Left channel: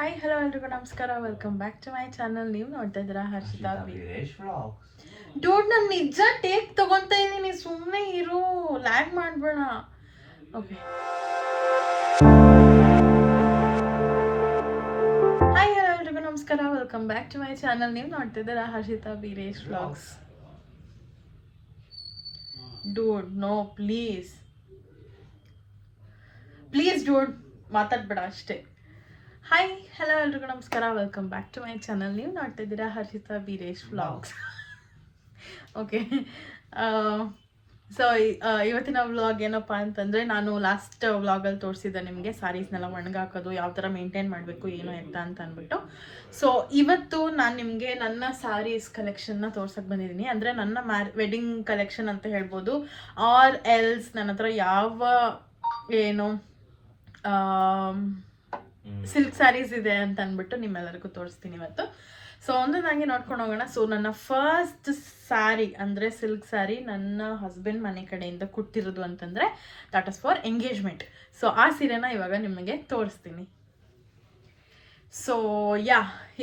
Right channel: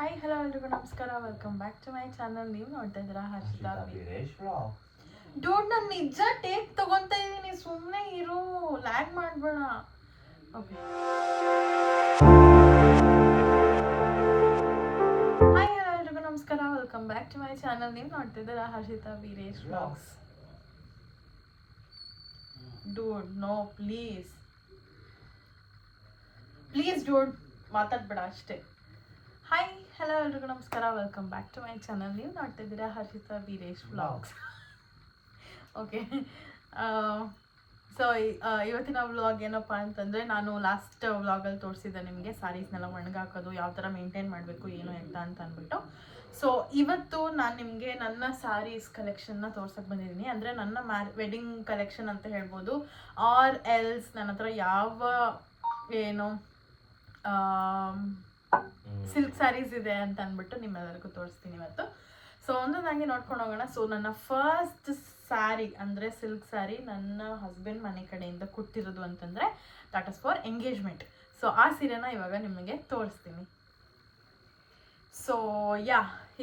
Hi hello ಎಲ್ರಿಗೂ ನಮಸ್ಕಾರ, welcome back to my channel. ನೀವು ನೋಡ್ತಾ ಇದ್ದೀರಾ ಹರ್ಷಿತಾ ವೀರೇಶ್ ವ್ಲಾಗ್ಸ್. ಡೂಡ್, ನಾನು ನಿಜ ಟೇಕ್ ತಗೊಂತಾ ಇದ್ದೀನಿ, ಸುಮ್ಮನೆ ಇರು, ಲ್ಯಾಗ್ ಮಾಡಬೇಡ. ಓಕೆ, ಹಾಯ್ ಹಲೋ ಎಲ್ರಿಗೂ ನಮಸ್ಕಾರ, welcome back to my channel. ನೀವು ನೋಡ್ತಾ ಇದ್ದೀರಾ Harshita Veeresh vlogs. Dude no, please please dude, ಮಾತಾಡ್ಬೇಡ ಅಷ್ಟೇ. ಹಾಯ್ ಹಲೋ ಎಲ್ರಿಗೂ ನಮಸ್ಕಾರ, welcome back to my channel. ನೀವು ನೋಡ್ತಾ ಇದ್ದೀರಾ Harshita Veeresh vlogs. Okay, so ಇವತ್ತಿನ ವ್ಲಾಗ್ ಏನಪ್ಪ ಅಂತಂದರೆ, ನಾನು ಲಾಸ್ಟ್ ವ್ಲಾಗಲ್ಲಿ ತೋರಿಸಿದ್ದೆ ನಿಮಗೆ ಸ್ಯಾರೀಸ್ನೆಲ್ಲ ಒಣಗಾಕೋದು ಯಾವ ಥರ ಮೇಂಟೈನ್ ಮಾಡಬೇಕು ಏನು ಎತ್ತ ಅಂತ ಅಂದ್ಬಿಟ್ಟು. ಸೊ ಇವತ್ತು ನಾನು ನಿಮಗೆ ನನ್ನ ಸ್ಯಾರೀಸ್ ಕಲೆಕ್ಷನ್ನ ತೋರ್ಸಕ್ಕೆ ಬಂದಿದ್ದೀನಿ. ಅಂದರೆ ನನ್ನ ವೆಡ್ಡಿಂಗ್ ಕಲೆಕ್ಷನ್ ಅಂತ ಹೇಳ್ಬೋದು, ಆರ್ ಎಲ್ಸ್ ನನ್ನ ಹತ್ರ ಯಾವ ಏನು ಸಿಲ್ಕ್ ಸ್ಯಾರೀಸ್ ಇದೆ ಅಂತ ಅಂದ್ಬಿಟ್ಟು ನಿಮ್ಮೆಲ್ಲರಿಗೂ ತೋರಿಸ್ತೀನಿ ಇವತ್ತು. ಸೊ ಒಂದೊಂದಾಗಿ ನೋಡ್ಕೊಂಡು ಹೋಗೋಣ. ಸೊ ನನ್ನ ಫಸ್ಟ್ ಸ್ಯಾರಿ ಅಂದರೆ ಸಿಲ್ಕ್ ಸ್ಯಾರಿ ನನ್ನ ಹಸ್ಬೆಂಡ್ ಮನೆ ಕಡೆಯಿಂದ ಕೊಟ್ಟಿರೋದು ಅಂತಂದರೆ that is for engagement. So ಆ ಸೀರೆನ ಇವಾಗ ನಿಮಗೆ ತೋರಿಸ್ತೀನಿ. ಸೊ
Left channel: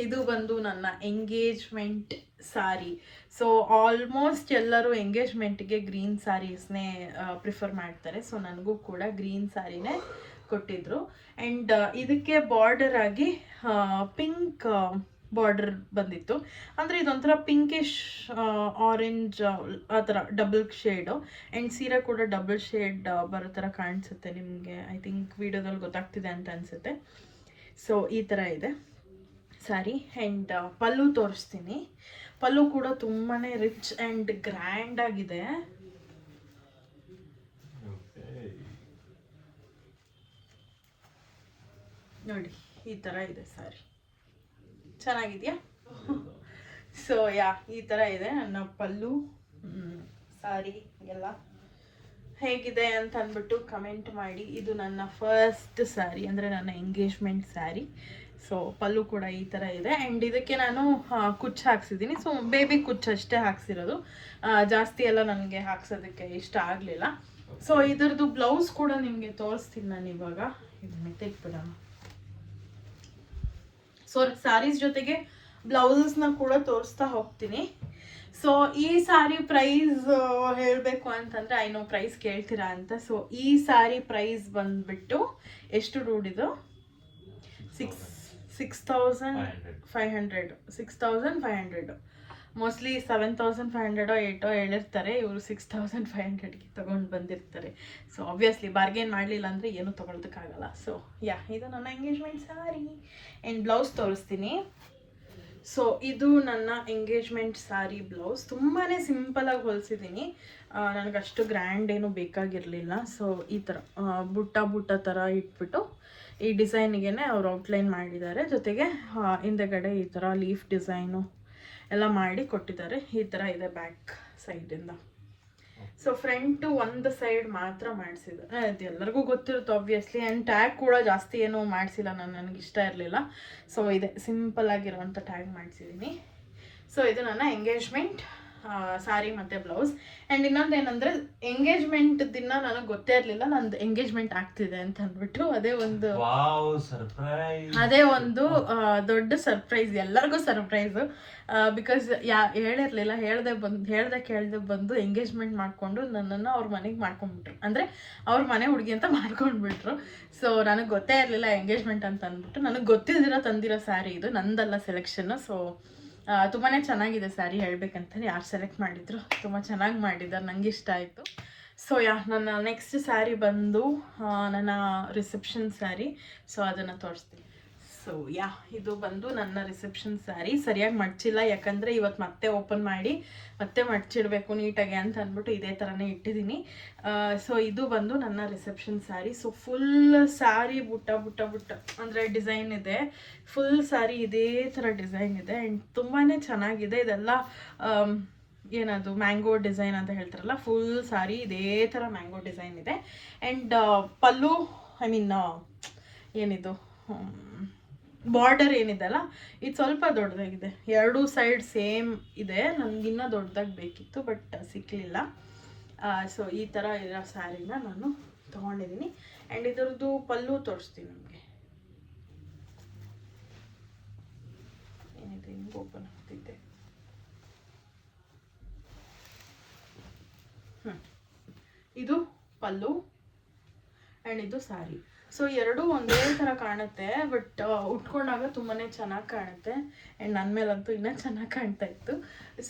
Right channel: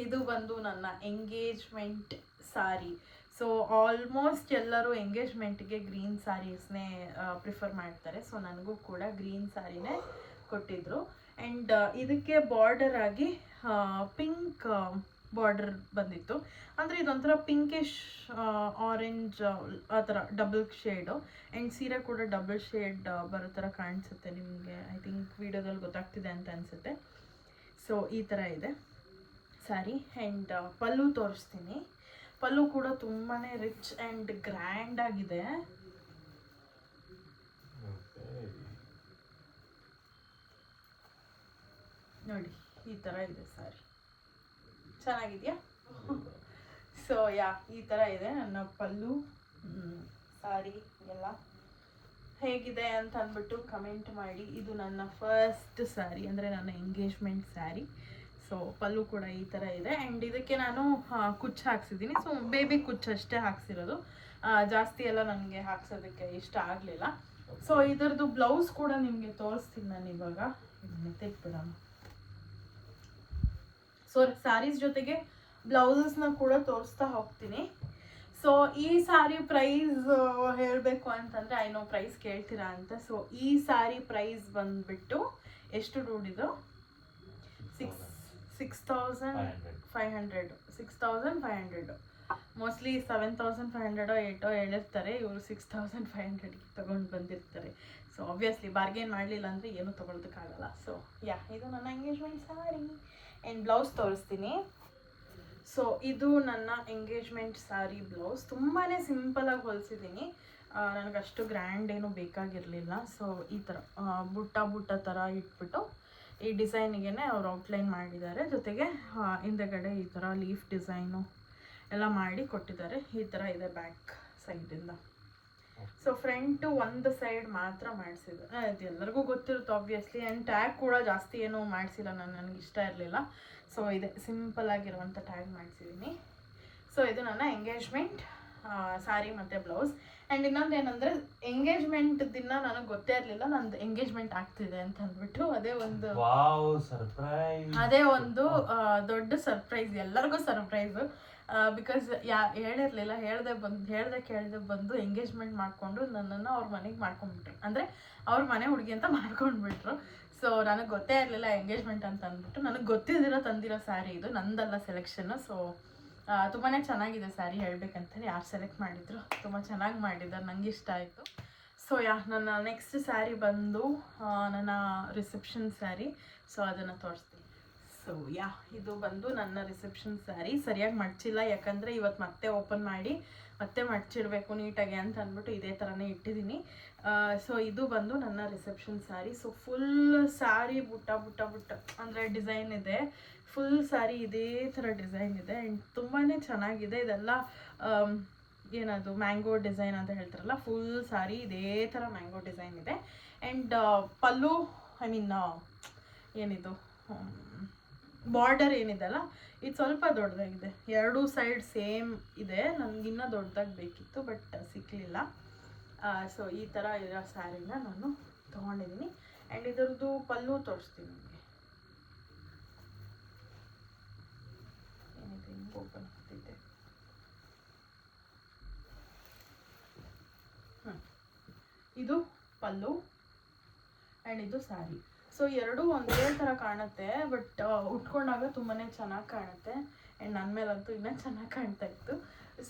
ಇದು ಬಂದು ನನ್ನ ಎಂಗೇಜ್ಮೆಂಟ್ ಸ್ಯಾರಿ. ಸೊ ಆಲ್ಮೋಸ್ಟ್ ಎಲ್ಲರೂ ಎಂಗೇಜ್ಮೆಂಟ್ಗೆ ಗ್ರೀನ್ ಸ್ಯಾರೀಸ್ನೇ ಪ್ರಿಫರ್ ಮಾಡ್ತಾರೆ. ಸೊ ನನಗೂ ಕೂಡ ಗ್ರೀನ್ ಸ್ಯಾರಿನೇ ಕೊಟ್ಟಿದ್ರು. ಆ್ಯಂಡ್ ಇದಕ್ಕೆ ಬಾರ್ಡರ್ ಆಗಿ ಪಿಂಕ್ ಬಾರ್ಡರ್ ಬಂದಿತ್ತು. ಅಂದರೆ ಇದೊಂಥರ ಪಿಂಕಿಶ್ ಆರೆಂಜ್ ಆ ಥರ ಡಬಲ್ ಶೇಡು. ಆ್ಯಂಡ್ ಸೀರೆ ಕೂಡ ಡಬಲ್ ಶೇಡ್ ಬರೋ ಥರ ಕಾಣಿಸುತ್ತೆ ನಿಮಗೆ. ಐ ಥಿಂಕ್ ವಿಡಿಯೋದಲ್ಲಿ ಗೊತ್ತಾಗ್ತಿದೆ ಅಂತ ಅನಿಸುತ್ತೆ. ಸೊ ಈ ಥರ ಇದೆ ಸ್ಯಾರಿ. ಆ್ಯಂಡ್ ಪಲ್ಲು ತೋರಿಸ್ತೀನಿ. ಪಲ್ಲು ಕೂಡ ತುಂಬಾ ರಿಚ್ ಆ್ಯಂಡ್ ಗ್ರ್ಯಾಂಡ್ ಆಗಿದೆ. ನೋಡಿ, ಈ ಥರ ಇದೆ ಸ್ಯಾರಿ. ಚೆನ್ನಾಗಿದೆಯಾ? ಸೊ ಈ ಥರ ಇದೆ ನನ್ನ ಪಲ್ಲು ಸ್ಯಾರಿ. ಎಲ್ಲ ಹೇಗಿದೆ ಅಂತ ಅಂದ್ಬಿಟ್ಟು ಕಮೆಂಟ್ ಮಾಡಿ. ಇದು ನನ್ನ ಫಸ್ಟ್ ಸ್ಯಾರಿ, ಅಂದರೆ ನನ್ನ ಎಂಗೇಜ್ಮೆಂಟ್ ಸ್ಯಾರಿ. ಸೊ ಪಲ್ಲು ಕೂಡ ಈ ಥರ ಇದೆ. ಆ್ಯಂಡ್ ಇದಕ್ಕೆ ನಾನು ಕುಚ್ಚು ಹಾಕ್ಸಿದ್ದೀನಿ. ಸೊ ಬೇಬಿ ಕುಚ್ಚು ಅಷ್ಟೇ ಹಾಕ್ಸಿರೋದು, ಜಾಸ್ತಿ ಎಲ್ಲ ನನಗೆ ಹಾಕ್ಸೋದಕ್ಕೆ ಇಷ್ಟ ಆಗಲಿಲ್ಲ. ಸೊ ಇದರದ್ದು ಬ್ಲೌಸ್ ಕೂಡ ನಿಮಗೆ ತೋರಿಸ್ತೀನಿ ನಾನು ಇವಾಗ. ಇದನ್ನ ತೆಗ್ಬಿಡ. ಸೊ ಸ್ಯಾರೀಸ್ ಜೊತೆಗೆ ಬ್ಲೌಸಸ್ನ ಕೂಡ ತೋರಿಸ್ತಾ ಹೋಗ್ತೀನಿ. ಸೊ ಈ ಸ್ಯಾರಿ ಪ್ರೈಸ್ ಹೇಳಬೇಕು ಅಂತಂದರೆ, ಐನೋ ಪ್ರೈಸ್ ಕೇಳ್ತೀರಾ ಅಂತ. ಸೊ ಈ ಸ್ಯಾರಿ ಪ್ರೈಸ್ ಬಂದುಬಿಟ್ಟು ಎಷ್ಟು ದುಡ್ಡಿದು? 6,500 ಮೋಸ್ಟ್ಲಿ 7,500 8 ಹೇಳಿರ್ತಾರೆ. ಇವರು 6,500ಗೆ ತೊಗೊಂಡು ಬಂದಿರ್ತಾರೆ. ಸೊ ಆಬ್ವಿಯಸ್ಲಿ ಬಾರ್ಗೇನ್ ಮಾಡಲಿಲ್ಲ ಅಂದರೆ ಏನೂ ತೊಗೊಳೋದಕ್ಕಾಗಲ್ಲ. ಸೊ ಇದು ನನ್ನ ಎಂಗೇಜ್ಮೆಂಟ್ ಸ್ಯಾರಿ. ಆ್ಯಂಡ್ ಬ್ಲೌಸ್ ತೋರಿಸ್ತೀನಿ. ಸೊ ಇದು ನನ್ನ ಎಂಗೇಜ್ಮೆಂಟ್ ಸ್ಯಾರಿ ಬ್ಲೌಸ್. ತುಂಬಾ ಸಿಂಪಲಾಗಿ ಹೊಲಿಸಿದ್ದೀನಿ, ನನಗಷ್ಟು ಗ್ರ್ಯಾಂಡ್ ಏನು ಬೇಕಾಗಿರಲಿಲ್ಲ. ಸೊ ಈ ಥರ ಬುಟ್ಟ ಥರ ಇಟ್ಬಿಟ್ಟು ಈ ಡಿಸೈನಿಗೆ ಅವ್ರು ಔಟ್ಲೈನ್ ಮಾಡಿದ್ದಾರೆ. ಜೊತೆಗೆ ಹಿಂದೆಗಡೆ ಈ ಥರ ಲೀಫ್ ಡಿಸೈನು ಎಲ್ಲ ಮಾಡಿ ಕೊಟ್ಟಿದ್ದಾರೆ. ಈ ಥರ ಇದೆ ಬ್ಯಾಕ್ ಸೈಡಿಂದ. ಸೊ ಫ್ರಂಟು ಒಂದು ಸೈಡ್ ಮಾತ್ರ ಮಾಡಿಸಿದ್ದಾರೆ. ಅದು ಎಲ್ಲರಿಗೂ ಗೊತ್ತಿರುತ್ತೆ ಆಬ್ವಿಯಸ್ಲಿ. ಆ್ಯಂಡ್ ಟ್ಯಾಗ್ ಕೂಡ ಜಾಸ್ತಿ ಏನೂ ಮಾಡಿಸಿಲ್ಲ, ನನಗೆ ಇಷ್ಟ ಇರಲಿಲ್ಲ. ಸೊ ಇದೆ ಸಿಂಪಲ್ ಆಗಿರುವಂಥ ಟ್ಯಾಗ್ ಮಾಡಿಸಿದ್ದೀನಿ. ಸೊ ಇದು ನನ್ನ ಎಂಗೇಜ್ಮೆಂಟ್ ಸ್ಯಾರಿ ಮತ್ತು ಬ್ಲೌಸ್. ಆ್ಯಂಡ್ ಇನ್ನೊಂದು ಏನಂದರೆ, ಎಂಗೇಜ್ಮೆಂಟ್ ದಿನ ನನಗೆ ಗೊತ್ತೇ ಇರಲಿಲ್ಲ ನಂದು ಎಂಗೇಜ್ಮೆಂಟ್ ಆಗ್ತಿದೆ ಅಂತ ಅಂದ್ಬಿಟ್ಟು. ಅದೇ ಒಂದು ದೊಡ್ಡ ಸರ್ಪ್ರೈಸ್, ಎಲ್ಲರಿಗೂ ಸರ್ಪ್ರೈಸು. ಬಿಕಾಸ್ ಹೇಳಿರಲಿಲ್ಲ. ಕೇಳದೆ ಬಂದು ಎಂಗೇಜ್ಮೆಂಟ್ ಮಾಡಿಕೊಂಡು ನನ್ನನ್ನು ಅವ್ರ ಮನೆಗೆ ಮಾಡ್ಕೊಂಡ್ಬಿಟ್ರು. ಅಂದರೆ ಅವ್ರ ಮನೆ ಹುಡುಗಿ ಅಂತ ಮಾಡ್ಕೊಂಡ್ಬಿಟ್ರು. ಸೊ ನನಗೆ ಗೊತ್ತೇ ಇರಲಿಲ್ಲ ಎಂಗೇಜ್ಮೆಂಟ್ ಅಂತ ಅಂದ್ಬಿಟ್ಟು. ನನಗೆ ಗೊತ್ತಿಲ್ದಿರೋ ತಂದಿರೋ ಸ್ಯಾರಿ ಇದು, ನಂದಲ್ಲ ಸೆಲೆಕ್ಷನ್ನು. ಸೊ ತುಂಬಾ ಚೆನ್ನಾಗಿದೆ ಸ್ಯಾರಿ. ಹೇಳ್ಬೇಕಂತಲೇ ಯಾರು ಸೆಲೆಕ್ಟ್ ಮಾಡಿದ್ರು ತುಂಬ ಚೆನ್ನಾಗಿ ಮಾಡಿದ್ದಾರೆ, ನನಗೆ ಇಷ್ಟ ಆಯಿತು. ಸೊ ನನ್ನ ನೆಕ್ಸ್ಟ್ ಸ್ಯಾರಿ ಬಂದು ನನ್ನ ರಿಸೆಪ್ಷನ್ ಸ್ಯಾರಿ. ಸೊ ಅದನ್ನು ತೋರಿಸ್ತೀನಿ. ಸೊ ಇದು ಬಂದು ನನ್ನ ರಿಸೆಪ್ಷನ್ ಸ್ಯಾರಿ. ಸರಿಯಾಗಿ ಮಡ್ಚಿಲ್ಲ, ಯಾಕಂದರೆ ಇವತ್ತು ಮತ್ತೆ ಓಪನ್ ಮಾಡಿ ಮತ್ತೆ ಮಡ್ಚಿಡಬೇಕು ನೀಟಾಗಿ ಅಂತ ಅಂದ್ಬಿಟ್ಟು ಇದೇ ಥರನೇ ಇಟ್ಟಿದ್ದೀನಿ. ಸೊ ಇದು ಬಂದು ನನ್ನ reception sari. So full sari ಬುಟ್ಟ ಅಂದರೆ ಡಿಸೈನ್ ಇದೆ. ಫುಲ್ ಸ್ಯಾರಿ ಇದೇ ಥರ ಡಿಸೈನ್ ಇದೆ. ಆ್ಯಂಡ್ ತುಂಬಾ ಚೆನ್ನಾಗಿದೆ. ಇದೆಲ್ಲ ಏನದು ಮ್ಯಾಂಗೋ ಡಿಸೈನ್ ಅಂತ ಹೇಳ್ತಾರಲ್ಲ, ಫುಲ್ ಸ್ಯಾರಿ ಇದೇ ಥರ ಮ್ಯಾಂಗೋ ಡಿಸೈನ್ ಇದೆ. ಆ್ಯಂಡ್ ಪಲ್ಲು ಏನಿದು ಬಾರ್ಡರ್ ಏನಿದೆಲ್ಲ ಇದು ಸ್ವಲ್ಪ ದೊಡ್ಡದಾಗಿದೆ. ಎರಡೂ ಸೈಡ್ ಸೇಮ್ ಇದೆ. ನನಗಿನ್ನೂ ದೊಡ್ಡದಾಗಿ ಬೇಕಿತ್ತು, ಬಟ್ ಸಿಕ್ಕಲಿಲ್ಲ. ಸೊ ಈ ಥರ ಇರೋ ಸ್ಯಾರಿನ ನಾನು ತೊಗೊಂಡಿದ್ದೀನಿ. ಆ್ಯಂಡ್ ಇದರದ್ದು ಪಲ್ಲು ತೋರಿಸ್ತೀನಿ ನಿಮಗೆ. ಓಪನ್ ಆಗ್ತಿದ್ದೆ. ಇದು ಪಲ್ಲು ಆ್ಯಂಡ್ ಇದು ಸ್ಯಾರಿ. ಸೊ ಎರಡೂ ಒಂದೇ ಥರ ಕಾಣುತ್ತೆ, ಬಟ್ ಉಟ್ಕೊಂಡಾಗ ತುಂಬಾ ಚೆನ್ನಾಗಿ ಕಾಣುತ್ತೆ. ಆ್ಯಂಡ್ ನನ್ನ ಮೇಲಂತೂ ಇನ್ನೂ ಚೆನ್ನಾಗಿ ಕಾಣ್ತಾ ಇತ್ತು.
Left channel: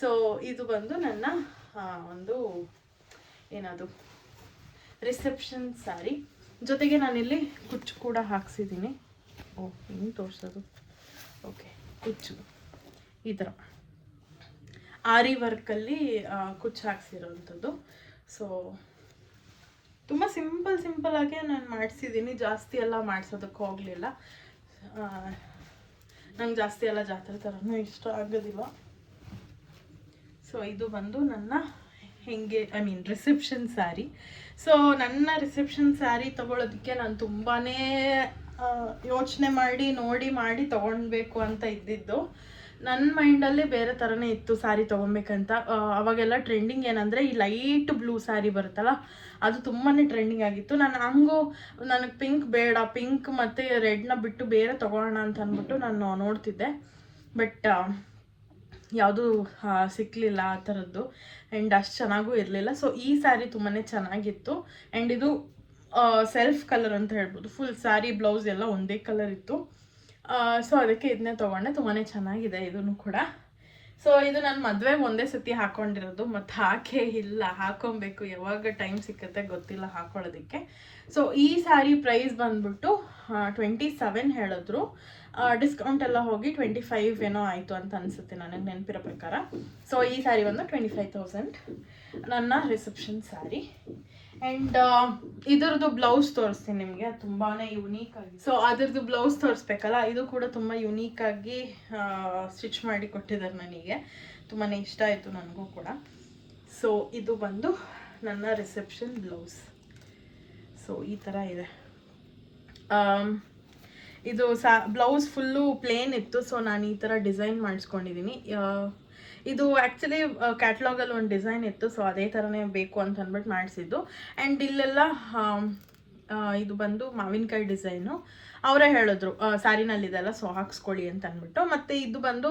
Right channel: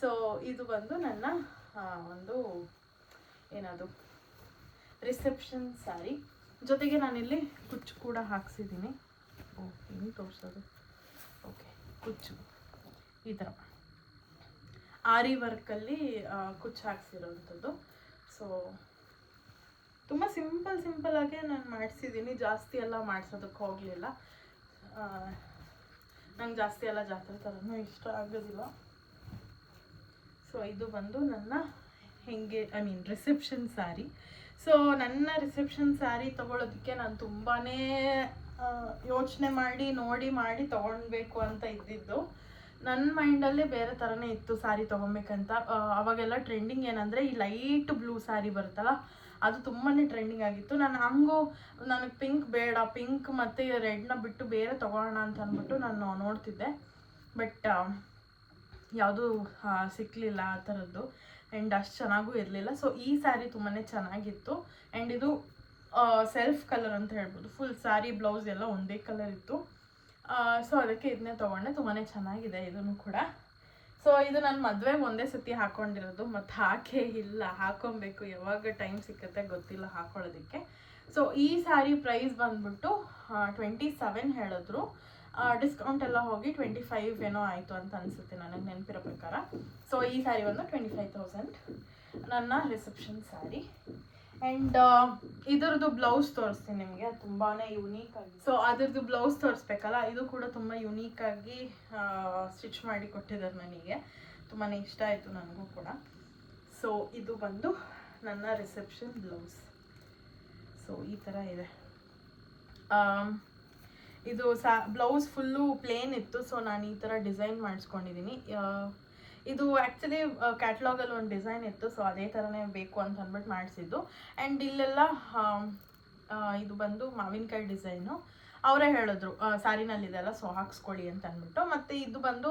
ಸೊ ಇದು ಬಂದು ನನ್ನ ಒಂದು ಏನದು ರಿಸೆಪ್ಷನ್ ಸ್ಯಾರಿ. ಜೊತೆಗೆ ನಾನಿಲ್ಲಿ ಕುಚ್ಚು ಕೂಡ ಹಾಕ್ಸಿದ್ದೀನಿ. ಹಿಂಗೆ ತೋರಿಸೋದು, ಓಕೆ, ಕುಚ್ಚು ಈ ಥರ ಆರಿ ವರ್ಕಲ್ಲಿ ಕುಚ್ಚು ಹಾಕ್ಸಿರೋವಂಥದ್ದು. ಸೊ ತುಂಬ ಸಿಂಪಲ್ಲಾಗೆ ನಾನು ಮಾಡಿಸಿದ್ದೀನಿ. ಜಾಸ್ತಿ ಎಲ್ಲ ಮಾಡಿಸೋದಕ್ಕೆ ಹೋಗಲಿಲ್ಲ. ನಂಗೆ ಜಾಸ್ತಿ ಎಲ್ಲ ಜಾತ್ರೆ ಥರನೂ ಇಷ್ಟ ಆಗೋದಿಲ್ಲ. ಸೊ ಇದು ಬಂದು ನನ್ನ ರಿಸೆಪ್ಷನ್ ಸ್ಯಾರಿ. ಸೊ ನನ್ನ ರಿಸೆಪ್ಷನ್ ಸ್ಯಾರಿ ತೊಗೊಳೋದಕ್ಕೆ ನಾನು ತುಂಬಾ ಯೋಚನೆ ಮಾಡಿ ತೊಗೊಳ್ಬೇಕು ಅಂತ ಇದ್ದಿದ್ದು. ನನ್ನ ಮೈಂಡಲ್ಲಿ ಬೇರೆ ಥರನೇ ಇತ್ತು ಸ್ಯಾರಿ ತೊಗೊಬೇಕಂತ. ಅವಾಗೆಲ್ಲ ಟ್ರೆಂಡಿಂಗ್ ಏನಂದರೆ ಈ ಲೈಟ್ ಬ್ಲೂ ಸ್ಯಾರಿ ಬರುತ್ತಲ್ಲ, ಅದು ತುಂಬಾ ಟ್ರೆಂಡಿಂಗ್ ಆಗಿತ್ತು. ನನಗೆ ಪಿಂಕ್ ಬೇಡ, ಪಿಂಕ್ ಮತ್ತು ರೆಡ್ನ ಬಿಟ್ಟು ಬೇರೆ ತೊಗೊಳ್ಳೋಣ ಅಂತ ಅಂದ್ಬಿಟ್ಟು ನಾನು ನೋಡ್ತಿದ್ದೆ. ಬಟ್ ಯಾವುದೂ ಸಿಕ್ಕಲಿಲ್ಲ ಆ ಥರದ್ದು. ಆ್ಯಂಡ್ ಅಷ್ಟು ಚೆನ್ನಾಗೂ ಇರಲಿಲ್ಲ. ಸೊ ಈ ಸ್ಯಾರಿ ತುಂಬಾ ಚೆನ್ನಾಗಿತ್ತು. ಆ್ಯಂಡ್ ಇದು ಸೆಲ್ಫ್ ಕಲರ್ ಅಂತ ಹೇಳ್ಬೋದು. ಫುಲ್ ಸ್ಯಾರಿ ಬ್ಲೌಸ್ ಎಲ್ಲ ಒಂದೇ ಕಲರ್ ಇತ್ತು. ಸೊ ಅದಕ್ಕೆ ಇದನ್ನೇ ತೊಗೊಂಡೆ. ತುಂಬಾ ಚೆನ್ನಾಗಿದೆ ಇದೂ ಕೂಡ. ಸೊ ಇದು ನನ್ನ ಮದುವೆಗೆ ಒಂದೇ ಸತಿ ಹಾಕ್ಕೊಂಡಿರೋದು, ಮತ್ತು ಹಾಕೇ ಇಲ್ಲ. ಹಾಕ್ಕೊಬೇಕು, ಯಾವಾಗ ಟೈಮ್ ಸಿಕ್ಕತ್ತೆ ಗೊತ್ತಿಲ್ಲ ಹಾಕ್ಕೊಳ್ಳೋದಕ್ಕೆ. ಸೊ ಈ ಸ್ಯಾರಿ ಪ್ರೈಸ್ ಬಂದ್ಬಿಟ್ಟು 27 ಹೇಳಿದ್ರು. ಡಿಸ್ಕೌಂಟ್ ಎಲ್ಲ ಹೋಗಿ 25 ಏನೋ ಆಯಿತು ಅಂತ ಅನಿಸುತ್ತೆ ನನಗೆ ನೆನಪಿರೋ ಪ್ರಕಾರ. ಸೊ ಈ ಸ್ಯಾರಿ ಬಂದು 25,000 ನನ್ನ ರಿಸೆಪ್ಷನ್ ಸ್ಯಾರಿ. ಆ್ಯಂಡ್ ಇದ್ರದ್ದು ಬ್ಲೌಸ್ ತೋರಿಸ್ತೀನಿ ನಿಮಗೆ. ಅದು ತುಂಬಾ ಯುನೀಕಾಗಿ, ಸೊ ಅದ್ರದ್ದು ಬ್ಲೌಸ್ ತೋರಿಸ್ಬೇಕಲ್ಲ, ಇದು ಕೂಡ ತುಂಬ ಯುನೀಕಾಗಿ ಸ್ಟಿಚ್ ಮಾಡಿ ಕೊಟ್ಟಿದ್ದಾರೆ ನನಗೆ. ತುಂಬಾ ಇಷ್ಟ ಆಯಿತು ನನಗೂ ಕೂಡ. ಸೊ ಇದು ಬಂದು ನನ್ನ ರಿಸೆಪ್ಷನ್ ಬ್ಲೌಸ್. ಸೊ ಈ ಥರ ಇದೆ. ಇದು ಬ್ಲೌಸ್ ಫುಲ್ಲು ಪ್ಲೇನ್ ಇತ್ತು. ಸೊ ನಾನು ಈ ಥರ ಡಿಸೈನ್ ಮಾಡಿಸ್ಕೊಂಡಿದ್ದೀನಿ. ಇದು ಆ್ಯಕ್ಚುಲಿ ಕ್ಯಾಟ್ಲಾಗಲ್ಲಿ ಒಂದು ಡಿಸೈನ್ ಇತ್ತು. ಸೊ ಅದೇ ಥರನೇ ಬೇಕು ಅಂತ ಅಂದ್ಬಿಟ್ಟು ಮಾಡಿಸಿದ್ದು. ಆ್ಯಂಡ್ ಇಲ್ಲೆಲ್ಲ ಇದು ಬಂದು ಮಾವಿನಕಾಯಿ ಡಿಸೈನು. ಅವರೇ ಹೇಳಿದ್ರು ಸ್ಯಾರಿನಲ್ಲಿದೆಲ್ಲ, ಸೊ ಹಾಕ್ಸ್ಕೊಳ್ಳಿ ಅಂತ ಅಂದ್ಬಿಟ್ಟು. ಮತ್ತು ಇದು ಬಂದು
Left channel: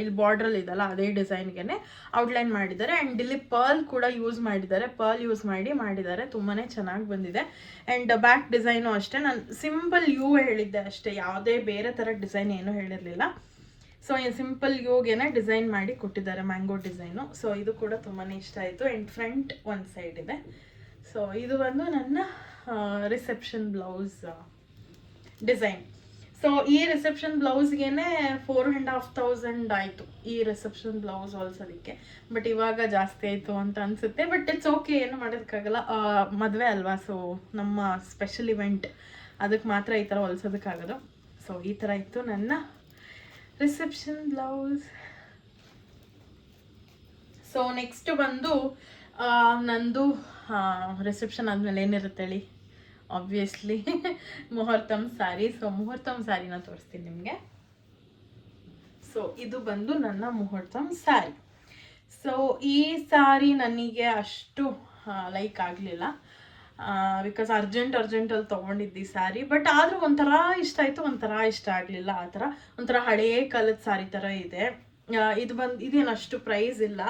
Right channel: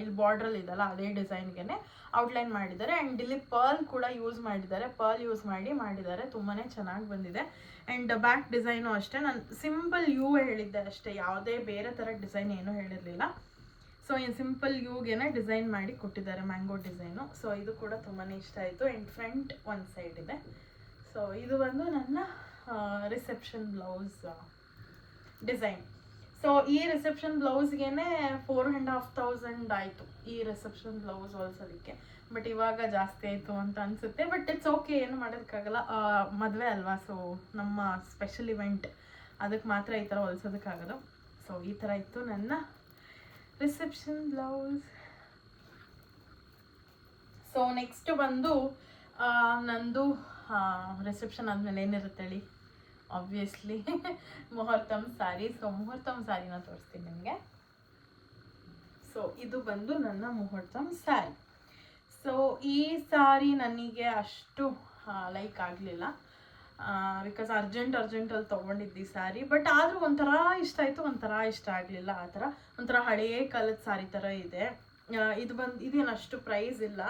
ಇಲ್ಲಿ ಬಾರ್ಡ್ರಲ್ಲಿ ಇದೆಲ್ಲ ಅದೇ ಡಿಸೈನ್ಗೆ ಔಟ್ಲೈನ್ ಮಾಡಿದ್ದಾರೆ. ಆ್ಯಂಡ್ ಇಲ್ಲಿ ಪರ್ಲ್ ಕೂಡ ಯೂಸ್ ಮಾಡಿದ್ದಾರೆ. ತುಂಬಾ ಚೆನ್ನಾಗಿ ಬಂದಿದೆ. ಆ್ಯಂಡ್ ಬ್ಯಾಕ್ ಡಿಸೈನು ಅಷ್ಟೇ. ನಾನು ಸಿಂಪಲ್ ಯೂ ಹೇಳಿದ್ದೆ ಅಷ್ಟೇ, ಯಾವುದೇ ಬೇರೆ ಥರ ಡಿಸೈನ್ ಏನೂ ಹೇಳಿರಲಿಲ್ಲ. ಸೊ ಈ ಸಿಂಪಲ್ ಯೂಗೇನೆ ಡಿಸೈನ್ ಮಾಡಿ ಕೊಟ್ಟಿದ್ದಾರೆ, ಮ್ಯಾಂಗೋ ಡಿಸೈನು. ಸೊ ಇದು ಕೂಡ ತುಂಬಾ ಇಷ್ಟ ಆಯಿತು. ಆ್ಯಂಡ್ ಫ್ರಂಟ್ ಒಂದು ಸೈಡ್ ಇದೆ. ಸೊ ಇದು ಬಂದು ನನ್ನ ರಿಸೆಪ್ಷನ್ ಬ್ಲೌಸ್ ಡಿಸೈನ್. ಸೊ ಈ ರಿಸೆಪ್ಷನ್ ಬ್ಲೌಸ್ಗೆ 4,500 ಆಯಿತು ಈ ರಿಸೆಪ್ಷನ್ ಬ್ಲೌಸ್ ಹೊಲ್ಸೋದಕ್ಕೆ. ಬಟ್ ಇವಾಗ ಜಾಸ್ತಿ ಆಯಿತು ಅಂತ ಅನಿಸುತ್ತೆ. ಬಟ್ ಇಟ್ಸ್ ಓಕೆ, ಏನು ಮಾಡೋದಕ್ಕಾಗಲ್ಲ. ಮದುವೆ ಅಲ್ವಾ, ಸೊ ನಮ್ಮ ಸ್ಪೆಷಲ್ ಇವೆಂಟ್, ಅದಕ್ಕೆ ಮಾತ್ರ ಈ ಥರ ಹೊಲ್ಸೋದಕ್ಕಾಗೋದು. ಸೊ ಈ ಥರ ಇತ್ತು ನನ್ನ ರಿಸೆಪ್ಷನ್ ಬ್ಲೌಸ್. ಸೊ ನೆಕ್ಸ್ಟ್ ಬಂದು ನಂದು ರಿಸೆಪ್ಷನ್ ಆದಮೇಲೆ ಏನಿರುತ್ತೆ ಹೇಳಿ, ಆಬ್ವಿಯಸ್ಲಿ ಮುಹೂರ್ತಮ್ ಸ್ಯಾರಿ. ಸೊ ಮುಹೂರ್ತಮ್ ಸ್ಯಾರಿನ ತೋರಿಸ್ತೀನಿ ನಿಮಗೆ. ಸೊ ಇದು ಬಂದು ನನ್ನ ಮುಹೂರ್ತಮ್ ಸ್ಯಾರಿ. ಸೊ ಈ ಸ್ಯಾರಿ ನನಗೆ ಅಷ್ಟು ಲೈಕ್ ಆಗಲಿಲ್ಲ, ಬಿಕಾಸ್ ಅರ್ಜೆಂಟಲ್ಲಿ ತೊಗೊಂಡಿದ್ದಿ ಸ್ಯಾರಿ. ಬಟ್ ಆದರೂ ಒಂಥರ ಇಷ್ಟ ಆಯಿತು, ಒಂಥರ ಇಷ್ಟ ಆಗಲಿಲ್ಲ. ಆ ಥರ ಒಂಥರ ಹಳೇ ಕಾಲದ ಸ್ಯಾರಿ ಥರ ಇದೆ. ಇದೇನು ಅಷ್ಟು ಪ್ರೈಸ್ ಇಲ್ಲ.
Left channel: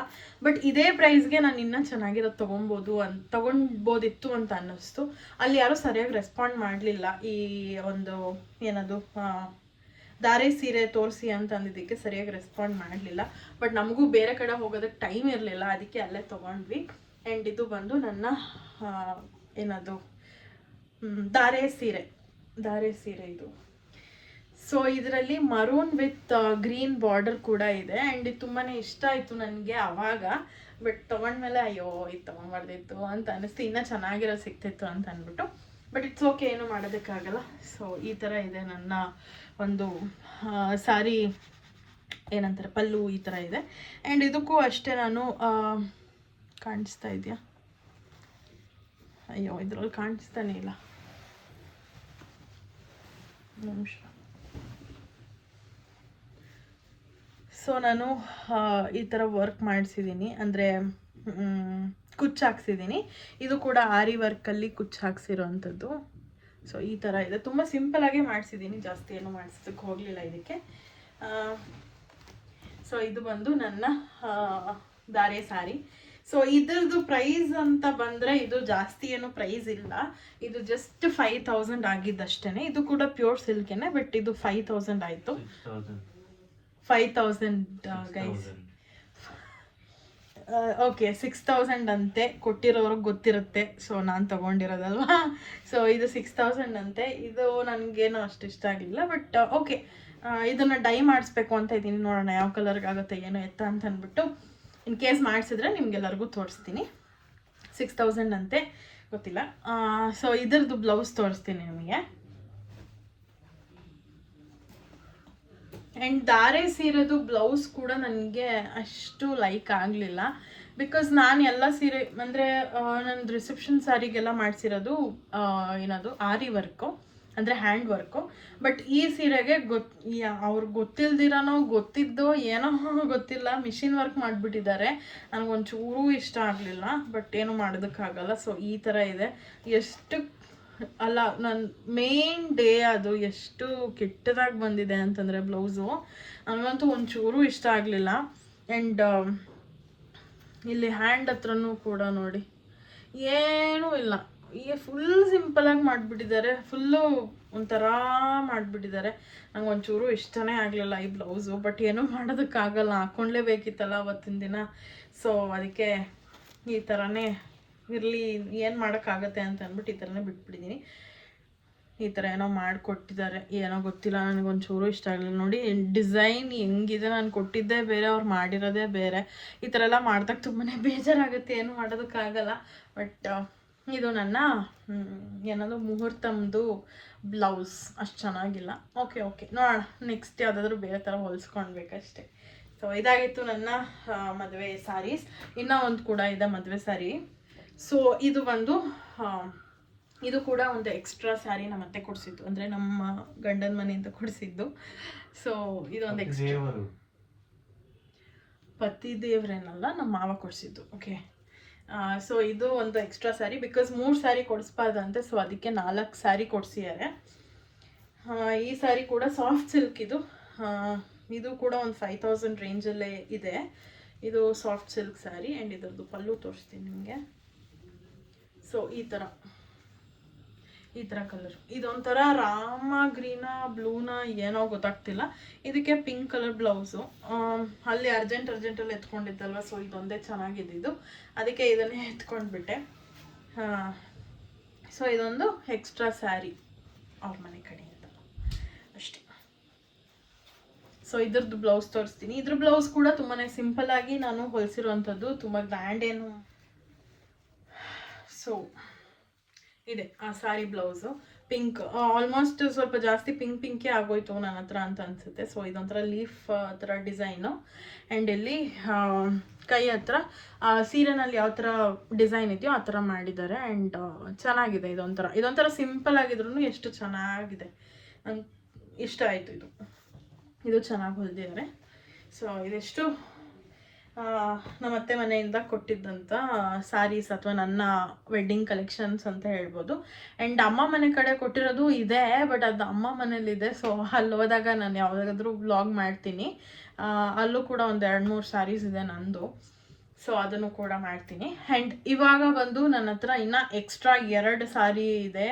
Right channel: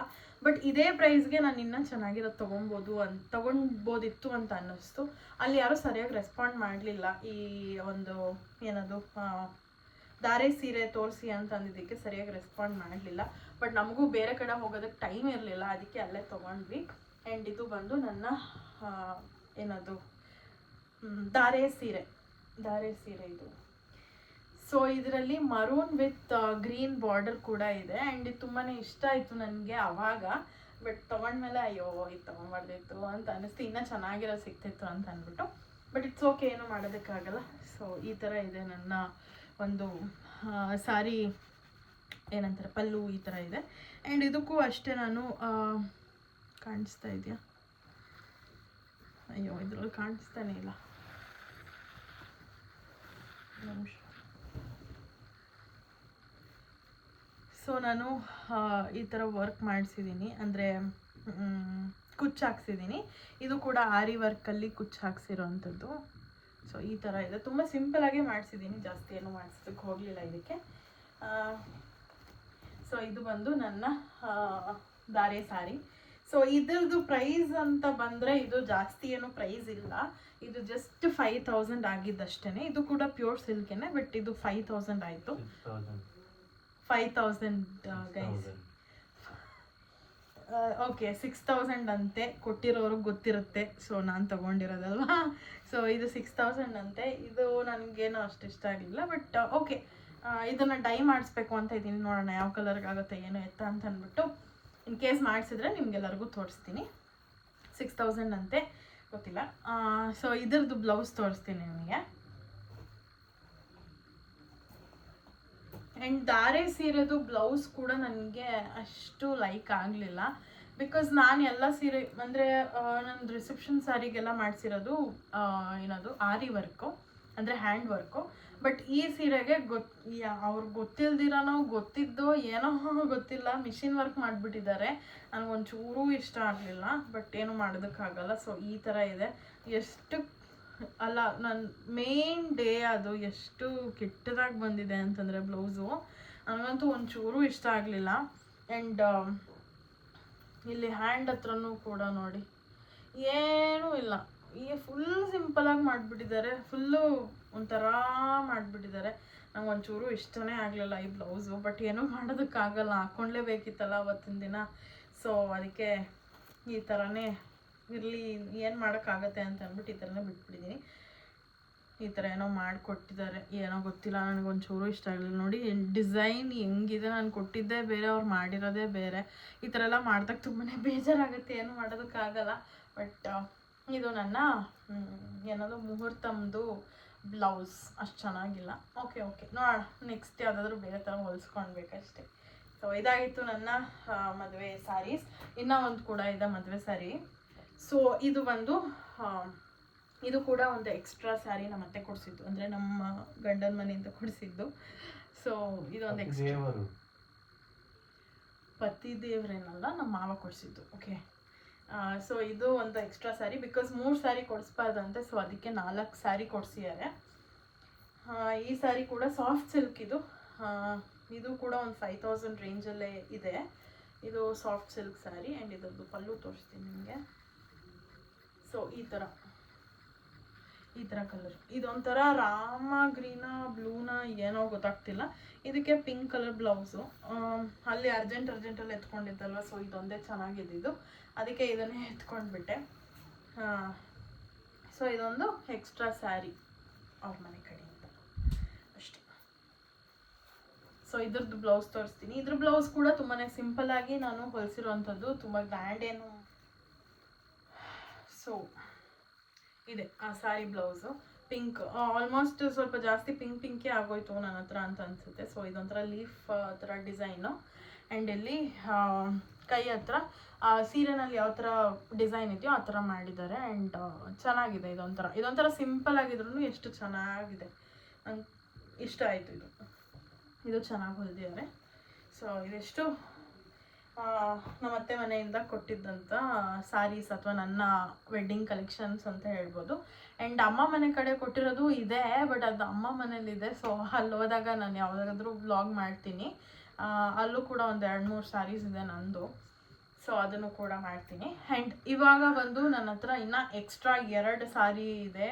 ಬಟ್ ಇದೇ ಪ್ರೈಸ್ಗೆ ನಾನು ಇನ್ನೂ ಚೆನ್ನಾಗಿರೋದು ತೊಗೊಳ್ಬೋದಿತ್ತು ಅಂತ ಅನ್ನಿಸ್ತು. ಅಲ್ಲಿ ಯಾರೂ ಸರಿಯಾಗಿ ರೆಸ್ಪಾಂಡ್ ಮಾಡಲಿಲ್ಲ. ಈ ಒಂದು ಏನದು ಧಾರೆ ಸೀರೆ ತೋರಿಸಿ ಅಂತ ಅಂದಿದ್ದಕ್ಕೆ ಸರಿಯಾಗಿ ರೆಸ್ಪಾಂಡ್ ಮಾಡಲಿಲ್ಲ. ಬಟ್ ನಮಗೂ ಬೇರೆ ಕಡೆ ಹೋಗೋದಕ್ಕೆ ಟೈಮ್ ಇರಲಿಲ್ಲ, ಅದಕ್ಕೆ ಅಲ್ಲೇ ತೊಗೊಂಡ್ವಿ. ಆ್ಯಂಡ್ ಇದು ಬಂದು ನನ್ನ ಏನದು ಧಾರೆ ಸೀರೆ ಇದು. ಸೊ ಇದರಲ್ಲಿ ಮರೂನ್ ವಿತ್ ಗ್ರೀನ್ ಬಾರ್ಡರ್ ಕೂಡ ಇದೆ. ಆ್ಯಂಡ್ ಇದು ತುಂಬಾ ಇಷ್ಟ ಆಯಿತು ನನಗೆ ಆವಾಗ. ಬಟ್ ತೊಗೊಂಡ್ಮೇಲೆ ಅಯ್ಯೋ ಇದು ತೊಗೊಂಬಾರ್ದಿತ್ತು ಅಂತ ಅನ್ನಿಸ್ತು, ಇನ್ನೂ ಚೆನ್ನಾಗಿರೋ ಸಿಕ್ತಿತ್ತು ಅಂತ ಅಂದ್ಬಿಟ್ಟು. ಬಟ್ ಇಟ್ಸ್ ಓಕೆ, ಏನು ಮಾಡೋದಕ್ಕಾಗಲ್ಲ. ಸೊ ಈ ಥರ ಇದೆ ನನ್ನ ಒಂದು ಸ್ಯಾರಿ, ಏನಂತಾರೆ ಪಲ್ಲು ಈ ಥರ ಇದೆ. ಆ್ಯಂಡ್ ಇದಕ್ಕೂ ಅಷ್ಟೇ ನಾನು ಕಾಣಿಸ್ತಾ ಇದೆಯಾ, ಅಯ್ಯೋ ಇದ್ರಲ್ಲಿ ಕಾಣಿಸ್ತಾನೆ ಇಲ್ಲ, ನಿಮಿಷ. ಸೊ ನಾನು ಈ ಥರ ವರ್ಕ್ ಮಾಡಿಸಿದ್ದೀನಿ, ಅಂದರೆ ಕುಚ್ಚು ಹಾಕ್ಸಿದ್ದೀನಿ. ಇದು ಕೂಡ ಆರಿ ವರ್ಕಲ್ಲಿ ಕುಚ್ಚು ಹಾಕ್ಸಿರೋವಂಥದ್ದು. ಸೊ ಈ ಥರ ಇದೆ. ತುಂಬ ಸಿಂಪಲಾಗೇ ಮಾಡಿಸಿದ್ದೀನಿ, ಜಾಸ್ತಿ ಏನು ಮಾಡಿಸೋದಕ್ಕೆ ಹೋಗಲಿಲ್ಲ ಇದಕ್ಕೆ. ಸೊ ಇದು ಬಂದು ನನ್ನ ಧಾರೆ ಸಾರಿ. ಸೊ ಇದ್ರದ್ದು ಪ್ರೈಸ್ ಅಂತ ಬಂದರೆ ಇದು ಜಾಸ್ತಿ ಏನು ಪ್ರೈಸ್ ಇಲ್ಲ, ಇದು ಜಸ್ಟ್ 5000 ಆಗಿದ್ದಷ್ಟೇ. ಇದು ಕೂಡ ಪ್ಯೂರ್ ಸಿಲ್ಕೇನೆ, ಬಟ್ ಇದು 5000 ಆಯಿತು. 5000 ಗೈಸ್. ಓಕೆ 6000 ಅಂತೆ, ಕೊಟ್ಟಿರೋರಿಗೆ ಗೊತ್ತಿರುತ್ತೆ. ಸೊ ನಾನು ತೊಗೊಂಡಿರೋದಲ್ವಾ, ಸೊ ಇದು 6000 ಅಂತೆ. ಇದು ನನಗೇನು ಅಷ್ಟು ಇಷ್ಟ ಆಗಲಿಲ್ಲ, ಬಟ್ ಓಕೆ. ಇದನ್ನು ಡೈ ಮಾಡಿಸ್ಬೇಕು ಅಂತ ಇದ್ದೀನಿ, ನೋಡೋಣ ಯಾವ ಕಲರ್ಗೆ ಆಗುತ್ತೆ ಏನು ಎತ್ತ ಅಂತ ಅಂದ್ಬಿಟ್ಟು. ಇನ್ ಕೇಸ್ ಮಾಡಿಸಿದ್ರೆ ನಿಮ್ಗೆಲ್ಲರಿಗೂ ತೋರಿಸ್ತೀನಿ. 6000 ಅಂತೆ, ಗೊತ್ತಿಲ್ಲ. ಸೊ ಇದ್ರದ್ದು ಬ್ಲೌಸ್ ತೋರಿಸ್ತೀನಿ ನಿಮಗೆ. ಆ್ಯಂಡ್ ಧಾರೆ ಸೀರೆದು ಬ್ಲೌಸ್ ಕೂಡ ನನಗೆ ಅಷ್ಟು ಲೈಕ್ ಆಗಲಿಲ್ಲ. ಬಿಕಾಸ್ ನಾನು ಎಲ್ಲ ಸೀರೆ ಅಂದರೆ ನನ್ನ ರಿಸೆಪ್ಷನ್ ಸ್ಯಾರಿಗೆಲ್ಲ ಮಾಡಿಸಿರೋದು ಏನದು ಆರಿ ವರ್ಕು, ಅಂದರೆ ಹ್ಯಾಂಡ್ ವರ್ಕು. ಬಟ್ ಈ ಸೀರೆಗೆ ಅವ್ರಿಗೆ ಗೊತ್ತಿಲ್ದಿರೋನೋ ಗೊತ್ತಿದ್ದೋ ಏನೋ ಗೊತ್ತಿಲ್ಲ, ಮಿಷಿನ್ ವರ್ಕ್ ಮಾಡಿಬಿಟ್ಟಿದ್ದಾರೆ. ನನಗೊಂಚೂರೂ ಇಷ್ಟ ಆಗಲಿಲ್ಲ, ಬಟ್ ಏನು ಮಾಡೋದಕ್ಕಾಗಲ್ಲ. ಸೊ ಈ ಥರ ಇದೆ. ಎಷ್ಟು ಅಲ್ಲ, ನನ್ನ ಮೇನ್ ಡೇ ಅದು ಎಷ್ಟು ಕೆಟ್ಟದಾಗಿ ಬಂದಿದೆ ಅಂತಂದರೆ ಬ್ಲೌಸು, ನನಗಂತೂ ಒಂಚೂರು ಇಷ್ಟ ಆಗಲಿಲ್ಲ. ಆ್ಯಂಡ್ ಇಲ್ಲಿ ಹ್ಯಾಂಡ್ ಹತ್ರನೂ ಕೂಡ ನೋಡಿ ಏನೂ ಇಲ್ಲ, ಈಗ ಫುಲ್ ಸಿಂಪಲಾಗಿ ಮಾಡಿಬಿಟ್ಟಿದ್ದಾರೆ, ಫುಲ್ಲು ಒಂಥರ ಮಾಡಿಬಿಟ್ಟಿದ್ದಾರೆ. ನಂಗೆ ಒಂಚೂರು ಇಷ್ಟನೇ ಆಗಲಿಲ್ಲ ಈ ಬ್ಲೌಸು. ಬಟ್ ಏನೂ ಮಾಡೋದಕ್ಕಾಗಲ್ಲ, ಹಾಕ್ಕೊಂಡ್ಲೇಬೇಕಿತ್ತಲ್ಲ ಅವತ್ತಿನ ದಿನ. ಸೊ ಅದಕ್ಕೆ ಈ ಥರನೇ ಇರಲಿ, ಏನು ಮಾಡೋಕ್ಕಾಗತ್ತೆ ಅಂತ ಅಂದ್ಬಿಟ್ಟು ಈ ಥರನೇ ಬಿಟ್ಬಿಟ್ಟಿದ್ದೀನಿ. ಈ ಥರ ಏನೋ ಮಾಡಿಕೊಟ್ಟಿದ್ದಾರೆ, ಏನೋ ಗೊತ್ತಿಲ್ಲ, ನನಗೊಂಚೂರು ಇಷ್ಟ ಆಗಲಿಲ್ಲ. ನೋಡಿ ಡಿಸೈನ್ ಹೆಂಗಿದೆ, ನಾನು ಕೊಟ್ಟಿದ್ದೇ ಬೇರೆ, ಅವ್ರು ಮಾಡಿರೋದೇ ಬೇರೆ. ಈ ಥರ ಎಲ್ಲ ಮಾಡಿದಾಗ ತುಂಬಾ ಬೇಜಾರಾಗುತ್ತೆ, ಏನು ಮಾಡೋದಕ್ಕಾಗಲ್ಲ. ಬಟ್ ಇದು ನನ್ನ ಏನದು ಮುಹೂರ್ತಮ್ದು ಬ್ಲೌಸ್, ಅಷ್ಟು ಚೆನ್ನಾಗಿಲ್ಲ. ಓಕೆ ನೋಡೋಣ, ನೆಕ್ಸ್ಟ್ ಯಾವುದಾದ್ರೂ ಬೇರೆ ಥರ ಹೊಲಿಸ್ಕೊಳ್ಬೇಕಷ್ಟೆ. ಸೊ ಇದಾಗಿತ್ತು ನನ್ನ ಮದುವೆ ಸ್ಯಾರೀಸ್. ಇನ್ನೂ ಒಂದು ಕೂಡ ಇದೆ ಮದುವೆ ಸ್ಯಾರಿ. ಸೊ ಇದು ಬಂದು ಇದು ಕೂಡ ಒಂದು ಎಕ್ಸ್ಟ್ರಾ ಸ್ಯಾರಿ ನಮ್ಮ ಅತ್ತೆ ಕೊಡಿಸಿದ್ದು, ಅಂದರೆ ನಮ್ಮ ಗಂಡನ ಮನೆಯಿಂದ ಕೊಡಿಸಿದ್ದು. ಸೊ ಇದೊಂದು ಎಕ್ಸ್ಟ್ರಾ, ಪತಿ ದೇವ್ರೇನಲ್ಲ, ನಮ್ಮ ಮಾವ ಕೊಡಿಸಿದ್ದು. ಓಕೆ, ಸೊ ಇದು ಒಂದು ಎಕ್ಸ್ಟ್ರಾ ಸ್ಯಾರಿ. ಬಿಕಾಸ್ 3 ಸ್ಯಾರಿ ಕೊಡಿಸ್ಬಾರ್ದಂತೆ, ಸೊ ಅದಕ್ಕೆ 4 ಸ್ಯಾರಿ ಕೊಡಿಸಿದ್ದಾರೆ. ಈ ಸ್ಯಾರಿ ಕೂಡ ಸಾಫ್ಟ್ ಸಿಲ್ಕ್. ಇದು ಕೂಡ ಒಂದು 5000 ರೇಂಜಲ್ಲೇ ಇದೆ. ಇದು ಸಾಫ್ಟ್ ಸಿಲ್ಕ್ ಸ್ಯಾರಿ. ಆ್ಯಂಡ್ ಇದರದ್ದು ಪಲ್ಲು ತೋರಿಸ್ತೀನಿ ನಿಮಗೆ. ಸೊ ಈ ಥರ ಕಲರ್, ಇದೊಂಥರ ರಾಮ ಗ್ರೀನಾ ಬ್ಲೂನ ಏನೋ ಗೊತ್ತಾಗ್ತಿಲ್ಲ. ಇದಕ್ಕೆ ಪಿಂಕ್ ಕಲರ್ ಬ್ಲೌಸು. ಅಲ್ಲಿ ಅರ್ಜೆಂಟಲ್ಲಿ ಎತ್ಕೊಂಡಿದ್ದಲ್ವ, ಸೊ ಇದೊಂದೇ ಚೆನ್ನಾಗಿದ್ದು, ಅದಕ್ಕೆ ಇದನ್ನೇ ಎತ್ಕೊಂಡ್ಬಿಟ್ಟೆ. ಸೊ ಇದೊಂದು ಎಕ್ಸ್ಟ್ರಾ ಸ್ಯಾರಿ ಅವ್ರ ಮನೆ ಕಡೆಯಿಂದ ಅಷ್ಟೇ. ಸೊ ಇದ್ರದ್ದು ಬ್ಲೌಸ್ ತೋರಿಸ್ತೀನಿ. ಇದ್ರ ಬ್ಲೌಸ್ ಕೂಡ ತುಂಬಾ ಸಿಂಪಲ್ಲಾಗಿ ನಾನು ಹೊಲಿಸಿರುವಂಥದ್ದು, ತುಂಬ ಗ್ರ್ಯಾಂಡ್ ಏನು. ಸೊ ಇದೆ ಆ ಸ್ಯಾರಿ ಬ್ಲೌಸು, ಪಿಂಕ್. ಆಲ್ಮೋಸ್ಟ್ ಸ್ವಲ್ಪ ಜಾಸ್ತಿ ಪಿಂಕೇ ಆಗೋಯ್ತು ನನ್ನ ಹತ್ರ ಅಂತ ಅನಿಸುತ್ತೆ. ಸೊ ಇದೊಂಥರ ಲೀಫ್ ಥರ ಡಿಸೈನು. ಆ್ಯಂಡ್ ಇಲ್ಲಿ ಕೈ ಹತ್ರ ಸೀರೆನಲ್ಲಿ ಯಾವ ಥರ ಡಿಸೈನ್ ಇದೆಯೋ ಆ ಥರ ಮಾಡಿದ್ದಾರೆ. ಆ್ಯಂಡ್ ಚೆನ್ನಾಗಿದೆ. ಇದೊಂಥರ ಸಿಂಪಲ್ ಆಗಿದ್ರು ಎಷ್ಟು ಚೆನ್ನಾಗಿದೆ, ನಂಗೆ ಇಷ್ಟ ಆಯಿತು. ಇದು ಚೆನ್ನಾಗಿ ಹೊಲಿದಿದ್ದಾರೆ. ಸೊ ಇದೆಷ್ಟು ನಮ್ಮ ಅತ್ತೆ ಮನೆಯಿಂದ ಕೊಟ್ಟಿದ್ದಂಥ ಸ್ಯಾರೀಸ್, ಅಥವಾ ನನ್ನ ವೆಡ್ಡಿಂಗ್ ಕಲೆಕ್ಷನ್ಸ್ ಅಂತ ಹೇಳ್ಬೋದು. ಆ್ಯಂಡ್ ಅಮ್ಮ ಮನೆ ಕಡೆ ಕೊಟ್ಟಿರೋದು ಇದೆ, ಬಟ್ ಅದು ಅಮ್ಮ ಮನೇಲಿದೆ. ಸೊ ಅಲ್ಲಿ ಹೋದಾಗ ನಾನು ಯಾವುದಾದ್ರೂ ವ್ಲಾಗ್ ಮಾಡ್ತೀನಿ. ಅಲ್ಲೂ ಕೂಡ ಒಂದು 2-3 ಸ್ಯಾರೀಸ್ ಇದೆ ನಂದು. ಸೊ ಅದನ್ನು ಕೂಡ ಮಾಡ್ತೀನಿ. ಆ್ಯಂಡ್ ಇವಾಗ ಬಂದು ನನ್ನ ಹತ್ರ ಇನ್ನೂ ಎಕ್ಸ್ಟ್ರಾ 2 ಸ್ಯಾರಿ ಇದೆ,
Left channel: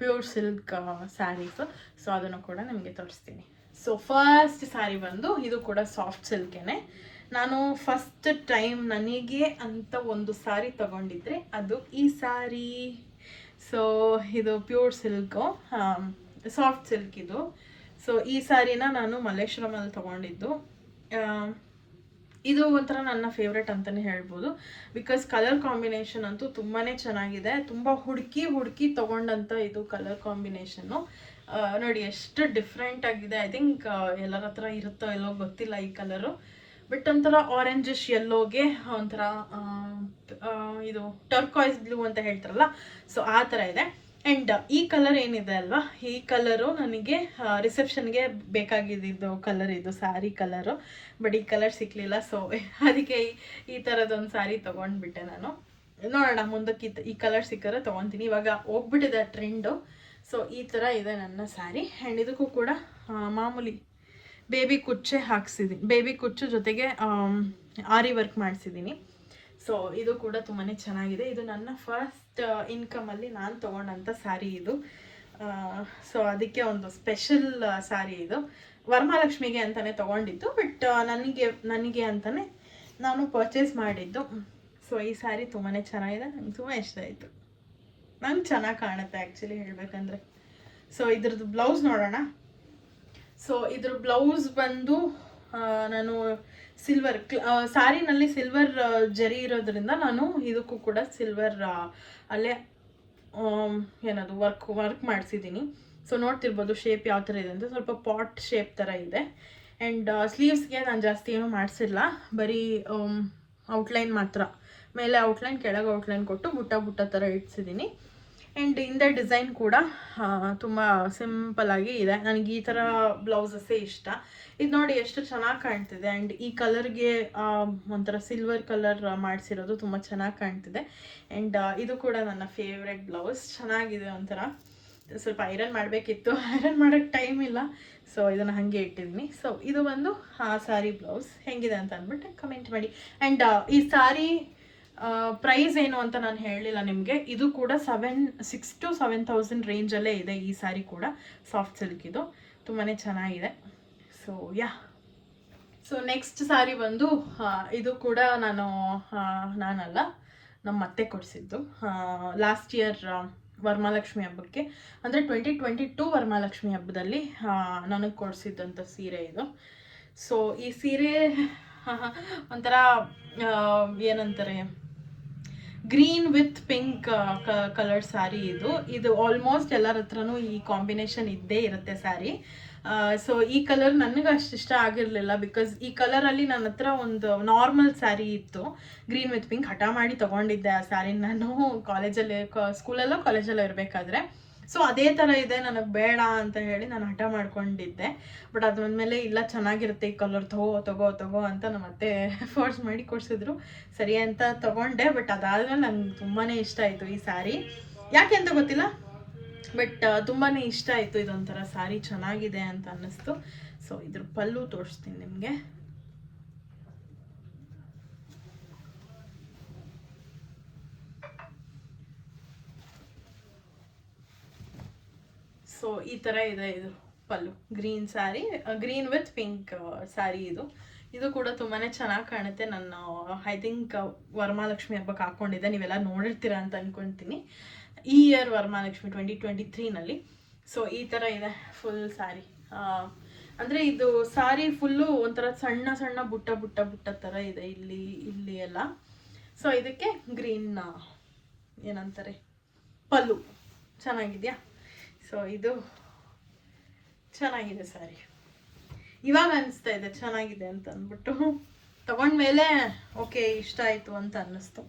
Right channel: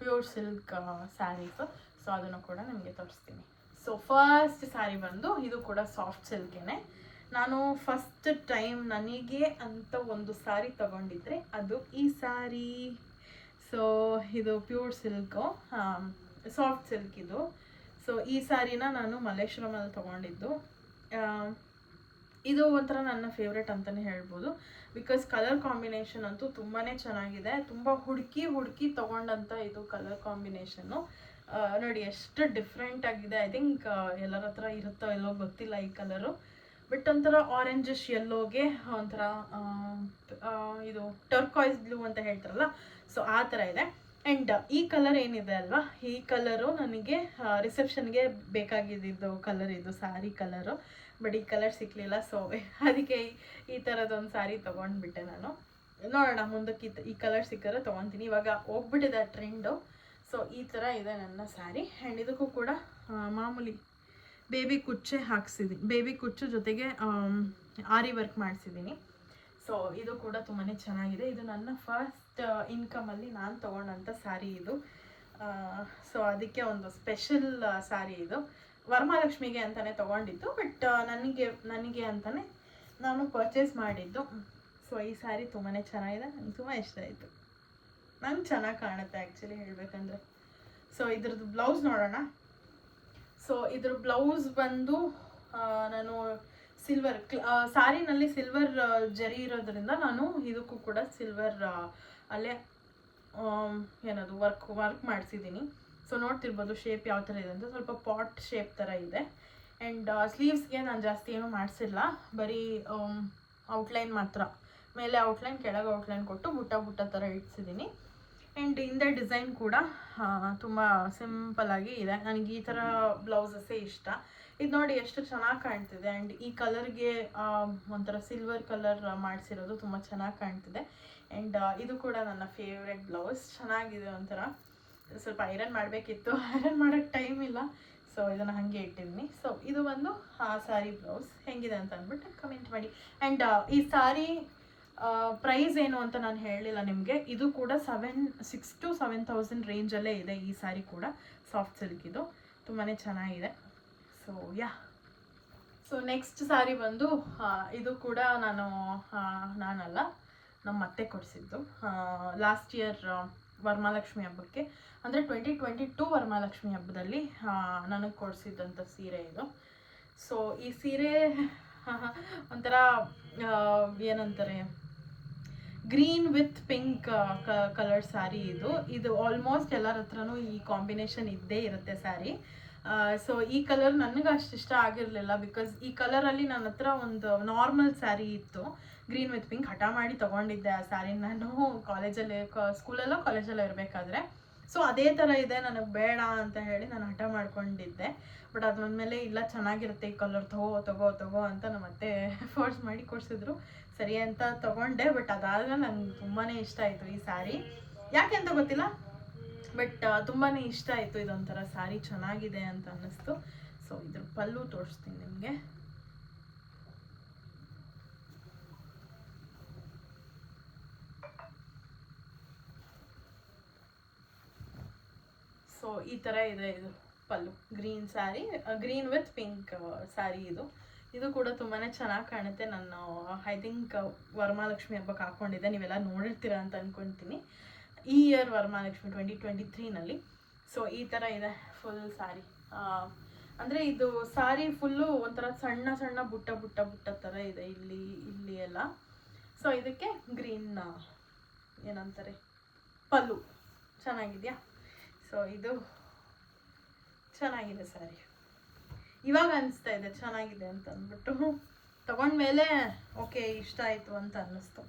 ಪ್ಯೂರ್ ಸಿಲ್ಕ್ ಸ್ಯಾರೀಸ್. ಸೊ ಅದನ್ನು ಕೂಡ ನಿಮಗೆ ತೋರಿಸ್ತೀನಿ. ಸೊ ಫಸ್ಟ್ ಸ್ಯಾರಿ ಬಂದು ಇದು ಕೂಡ ಸಾಫ್ಟ್ ಸಿಲ್ಕೇನೆ. ನಾನು ಫಸ್ಟ್ ಟೈಮ್ ನನಗೆ ಅಂತ ಒಂದು ಸ್ಯಾರಿ ತಗೊಂಡಿದ್ರೆ ಅದು ಈ ಸ್ಯಾರಿ. ಸೊ ಇದು ಪ್ಯೂರ್ ಸಿಲ್ಕು, ಸಾಫ್ಟ್ ಸಿಲ್ಕ್ ಇದು. ಸೊ ಈ ಸ್ಯಾರಿನ ನಾನು ಮಲ್ಲೇಶ್ವರಮಲ್ಲಿ ತೊಗೊಂಡಿದ್ದು. ಇದು ಒಂಥರ ನನ್ನ ಫೇವ್ರೆಟ್ ಅಂತಲೇ ಹೇಳ್ಬೋದು. ಬಿಕಾಸ್ ಕಲರ್ ಕಾಂಬಿನೇಷನ್ ಅಂತೂ ತುಂಬಾ ಚೆನ್ನಾಗಿದೆ. ತುಂಬ ಹುಡುಕಿ ತೊಗೊಂಡಂಥ ಇದು ಕಲರ್ ಕಾಂಬಿನೇಷನ್ನು. ನೋಡಿ ಎಷ್ಟು ಡಿಫ್ರೆಂಟ್ ಆಗಿದೆ. ಐ ಥಿಂಕ್ ಎಲ್ಲರ ಹತ್ರ ಇರುತ್ತೋ ಎಲ್ಲೋ ಗೊತ್ತಿಲ್ಲ ಈ ಕಲರು. ಬಟ್ ಒಂಥರ ಆರೆಂಜಿಶ್ ಯೆಲ್ಲೋಗೆ ಒಂಥರ ಇದು ಟರ್ಕಾಯ್ಸ್ ಬ್ಲೂ ಅಂತ ಹೇಳ್ತಾರಲ್ಲ, ಸೊ ಆ ಥರ ಇದೆ. ಆ್ಯಂಡ್ ಈ ಕಲರ್ ಏನಿದೆ ಅಲ್ವಾ, ಈ ಕಲರು ನನಗೆ ರಿಸೆಪ್ಷನ್ಗೆ ಬೇಕಾಗಿದ್ದು ಕಲರ್, ಇದು ಸ್ಯಾರಿ ಕಲರು. ಬಟ್ ಈ ಕಲರ್ ಸಿಕ್ಕಲಿಲ್ಲ. ಸೊ ಅದಕ್ಕೆ ಈ ಥರದೊಂದು ಸ್ಯಾರಿ ತೊಗೊಂಡ್ಬಿಟ್ಟೆ ನಾನು. ನೋಡೋಣ ಮುಂದಕ್ಕೆ ಈ ಕಲರ್ ಸಿಕ್ಕರೆ ತೊಗೊತೀನಿ. ಇವಾಗ ಹೋಗ್ಬಿಟ್ಟಿದೆ ಟ್ರೆಂಡು. ಸೊ ಈ ಥರ ಇದೆ ನನ್ನ ಸ್ಯಾರಿ. ಆ್ಯಂಡ್ ಇದಕ್ಕೂ ಕೂಡ ಮಾಮೂಲಿ ಬೇಬಿ ಕುಚ್ಚೆ ಹಾಕ್ಸಿದ್ದೀನಿ, ಬೇಬಿ ಕುಚ್ಚು ಜೊತೆಗೆ ಆರಿ ವರ್ಕ್ ಮಾಡಿಸಿದ್ದೀನಿ. ಸೊ ಇದು ಕೂಡ ತುಂಬಾ ಚೆನ್ನಾಗಿದೆ. ಇದು ನನ್ನ ಫಸ್ಟ್ ಇನ್ಕಮಲ್ಲಿ ನಾನು ತೊಗೊಂಡಂಥ ಸ್ಯಾರಿ ಇದು. ಸೊ ಅದಕ್ಕೆ ಒಂದು ಸ್ಪೆಷಲ್ ಸ್ಯಾರಿ ಇದು. ವರಮಹಾಲಕ್ಷ್ಮಿಗೆ ಅಂತಲೇ ತೊಗೊಂಡಿದ್ದು, ಬಟ್ ನನಗೆ ಅಂತಲೇ ನಾನು ಪರ್ಚೇಸ್ ಮಾಡಿದ್ದು. ಸೊ ಈ ಸ್ಯಾರಿ ತುಂಬಾ ಚೆನ್ನಾಗಿದೆ, ನಂಗೆ ತುಂಬ ಇಷ್ಟ ಆಯಿತು. ನಂಗೆ ಚೆನ್ನಾಗಿ ಕಾಣುತ್ತೆ ಆ್ಯಕ್ಚುಲಿ ಹೇಳಬೇಕಂದ್ರೆ. ಸೊ ಇದ್ರದ್ದು ಬ್ಲೌಸ್ ನೋಡೋಣ. ಸೊ ಇದ್ರ ಬ್ಲೌಸ್ ಬಂದು ನಾನು ಸಿಲ್ವರ್ ಸ್ಯಾರಿನಲ್ಲಿ ಸಿಲ್ವರ್ ಜರಿ ಇರೋದ್ರಿಂದ ನಾನು ಇದಕ್ಕೂ ಕೂಡ ಸಿಲ್ವರ್ ಅಲ್ಲೇ ಏನದು ವರ್ಕ್ ಮಾಡಿಸಿದ್ದೀನಿ. ಸೊ ನೋಡ್ತಿರ್ಬೋದು ಶೇಪ್ ಯಾವ ಥರ ಇದೆ ಅಂತ, ಸ್ವಲ್ಪ ಪಾಟ್ ಶೇಪ್ ಥರ ಇದೆ. ಆ್ಯಂಡ್ ಸ್ಲೀವ್ಸ್ಗೆ ನಾನು ಜಾಸ್ತಿ ಏನೂ ಮಾಡಿಸಿಲ್ಲ, ಬರೀ ಔಟ್ಲೈನ್ ಮಾತ್ರ, ಮೇಲೆ ಔಟ್ಲೈನ್ ಕೆಳಗೆ ಔಟ್ಲೈನ್ ಕೊಟ್ಟು ಬುಟ್ಟ ಥರ ಇಡ್ಸಿದ್ದೀನಿ. ಆ್ಯಂಡ್ ಹಿಂದೆ ಡಿಸೈನ್ ಕೂಡ ತುಂಬ ಸಿಂಪಲ್ಲಾಗಿ ಇದೆ. ನನಗೆ ಈ ಥರ ಬ್ಲೌಸಸ್ಸೇ ಇಷ್ಟ. ಇದು ನೋಡಿ ಎಷ್ಟು ಚೆನ್ನಾಗಿ ಕಾಣ್ತಿದೆ. ಆ್ಯಂಡ್ ಈ ಕಲರ್ಗೆ ಒಂಥರ ಸಿಲ್ವರ್ ಕಲರ್ ಮಾಡಿಸಿರೋದು ತುಂಬ ಚೆನ್ನಾಗಿ ಕಾಣ್ತಿದೆ. ಆ್ಯಂಡ್ ಇದು ಕೂಡ ನನ್ನ ಫೇವ್ರೆಟ್ ಬ್ಲೌಸ್. ಚೆನ್ನಾಗಿದೆ, ಒಂಥರ ಸ್ವಲ್ಪ ಐರನ್ ಮಾಡಬೇಕಿತ್ತು, ಐರನ್ ಮಾಡೋಕ್ಕೆ ಟೈಮ್ ಇಲ್ಲ. ಸೊ ಇದನ್ನು ಹಾಗೆ ಇಟ್ಟಿದ್ದೀನಿ. ಸೊ ಇದು ಒಂದು ಸ್ಯಾರಿ ಬ್ಲೌಸ್ ಹೇಗಿದೆ ಅಂತ ಅಂದ್ಬಿಟ್ಟು ಕಮೆಂಟ್ ಮಾಡಿ. ಆ್ಯಂಡ್ ಈ ಸ್ಯಾರಿ ಪ್ರೈಸ್ ಏನು ಅಂತ ನಾನು ಹೇಳಲಿಲ್ಲ ನಿಮಗೆ. ಇದು ಕೂಡ 6,000 to 7,000 ರೇಂಜಲ್ಲೇ ಇದೆ ಈ ಸ್ಯಾರಿ ಕೂಡ. ಸಾಫ್ಟ್ ಸಿಲ್ಕ್ ಇದು ತುಂಬಾ ಚೆನ್ನಾಗಿದೆ. ಸೊ ಸೊ ನೆಕ್ಸ್ಟ್ ಸ್ಯಾರಿ ಬಂದು ಇದು ಕೂಡ ನಾನಲ್ಲ, ನಮ್ಮ ಅತ್ತೆ ಕೊಡಿಸಿದ್ದು ಲಾಸ್ಟ್ ಇಯರ್ ವರಮಹಾಲಕ್ಷ್ಮಿ ಹಬ್ಬಕ್ಕೆ, ಅಂದರೆ 2022 ವರಮಹಾಲಕ್ಷ್ಮಿ ಹಬ್ಬದಲ್ಲಿ ನನಗೆ ಕೊಡಿಸಿದ್ದಂಥ ಸೀರೆ ಇದು. ಸೊ ಈ ಸೀರೆ ಒಂಥರ ಏನಂತಾರೆ, green with pink colour sari ಇದು ಆಲ್ಮೋಸ್ಟ್ ಎಲ್ಲರ ಹತ್ರನೂ ಈ ಕಾಂಬಿನೇಷನ್ ಇದ್ದೇ ಇರುತ್ತೆ ಸ್ಯಾರಿ. ಸೊ ಈ ಕಲರ್ ನನಗೆ ಅಷ್ಟು ಇಷ್ಟ ಆಗಿರಲಿಲ್ಲ, ಬಿಕಾಸ್ ಈ ಕಲರಲ್ಲಿ ನನ್ನ ಹತ್ರ ಒಂದು ನಾರ್ಮಲ್ ಸ್ಯಾರಿ ಇತ್ತು ಗ್ರೀನ್ ವಿತ್ ಪಿಂಕ್. ಹಠ ಮಾಡಿ ತೊಗೊಂಡಿದ್ದೆ ಆ ಸ್ಯಾರಿ ನಾನು ಕಾಲೇಜಲ್ಲಿ, ಸ್ಕೂಲಲ್ಲೋ ಕಾಲೇಜಲ್ಲೋ ಇರಬೇಕಾದ್ರೆ. ಸೊ ಅದೇ ಥರ ಇದೆ, ನನಗೆ ಬೇಡ ಅಂತ ಹೇಳಿ ನಾನು ಹಠ ಮಾಡ್ಕೊಂಡಿದ್ದೆ. ಬಟ್ ಅದಾದ್ಮೇಲೆ ಇಲ್ಲ ಚೆನ್ನಾಗಿರುತ್ತೆ ಈ ಕಲರ್, ತಗೋ ಅಂತ ನಮ್ಮ ಅತ್ತೆ ಫೋರ್ಸ್ ಮಾಡಿ ಕೊಡಿಸಿದ್ರು. ಸರಿ ಅಂತ ತೊಗೊಂಡೆ. ಬಟ್ ಅದಾದ್ಮೇಲೆ ನಂಗೆ ತುಂಬಾ ಇಷ್ಟ ಆಯಿತು ಈ ಸ್ಯಾರಿ. ಯಾಕೆ ಅಂತ ಗೊತ್ತಿಲ್ಲ, ಬಟ್ ತುಂಬಾ ಇಷ್ಟ ಆಯಿತು. ಇದೊಂಥರ ಸ್ಯಾರಿ ಚೆನ್ನಾಗಿದೆ ಅಂತ ಅನ್ನಿಸ್ತು. ಸೊ ಇದ್ರ ಪಲ್ಲು ತೋರಿಸ್ತೀನಿ ನಿಮಗೆ. ಸೊ ಈ ಥರ ಇದೆ ಇದು ಪಲ್ಲು. Green sari, green with pink sari ಇದು ಕೂಡ ತುಂಬಾ ಚೆನ್ನಾಗಿ ಕಾಣುತ್ತೆ. ನಾನು ಐ ಥಿಂಕ್ ವರಮಹಾಲಕ್ಷ್ಮಿ ಹಬ್ಬಕ್ಕೆ ಹಾಕ್ಕೊಂಡಿದ್ದೆ, ನೀವೆಲ್ಲ ನೋಡಿರ್ತೀರ ಅಂತ ಅಂದ್ಕೊಳ್ತೀನಿ. ಈ ಇಯರ್ ವರಮಹಾಲಕ್ಷ್ಮಿ 2023ನಲ್ಲಿ. ಸೊ ಈ ಥರ ಇದೆ ಫುಲ್ ಸ್ಯಾರಿ. ಅಂದರೆ ಇದು ಸ್ಯಾರಿ ಫುಲ್ಲು ಒಂಥರ ಸಣ್ಣ ಸಣ್ಣ ಬುಟ್ಟ ಥರ ಇದೆ ಇಲ್ಲಿ ಎಲ್ಲ. ಸೊ ಇದಕ್ಕೆ ಗ್ರೀನ್ ಏನಂತಾರೆ ಪಲ್ಲು ಚೆನ್ನಾಗಿದೆಯಾ. ಸೊ ಇದು ಚೆನ್ನಾಗಿದೆ ಸ್ಯಾರಿ. ಇವಾಗ ಅನಿಸ್ತಾ ಇದೆ ಚೆನ್ನಾಗಿದೆ ಅಂತ ಅಂದ್ಬಿಟ್ಟು, ತಗೊಂಡ್ಮೇಲೆ ಓಕೆ ಇಷ್ಟ ಆಯಿತು ಅಂತ ಅನ್ನಿಸ್ತು.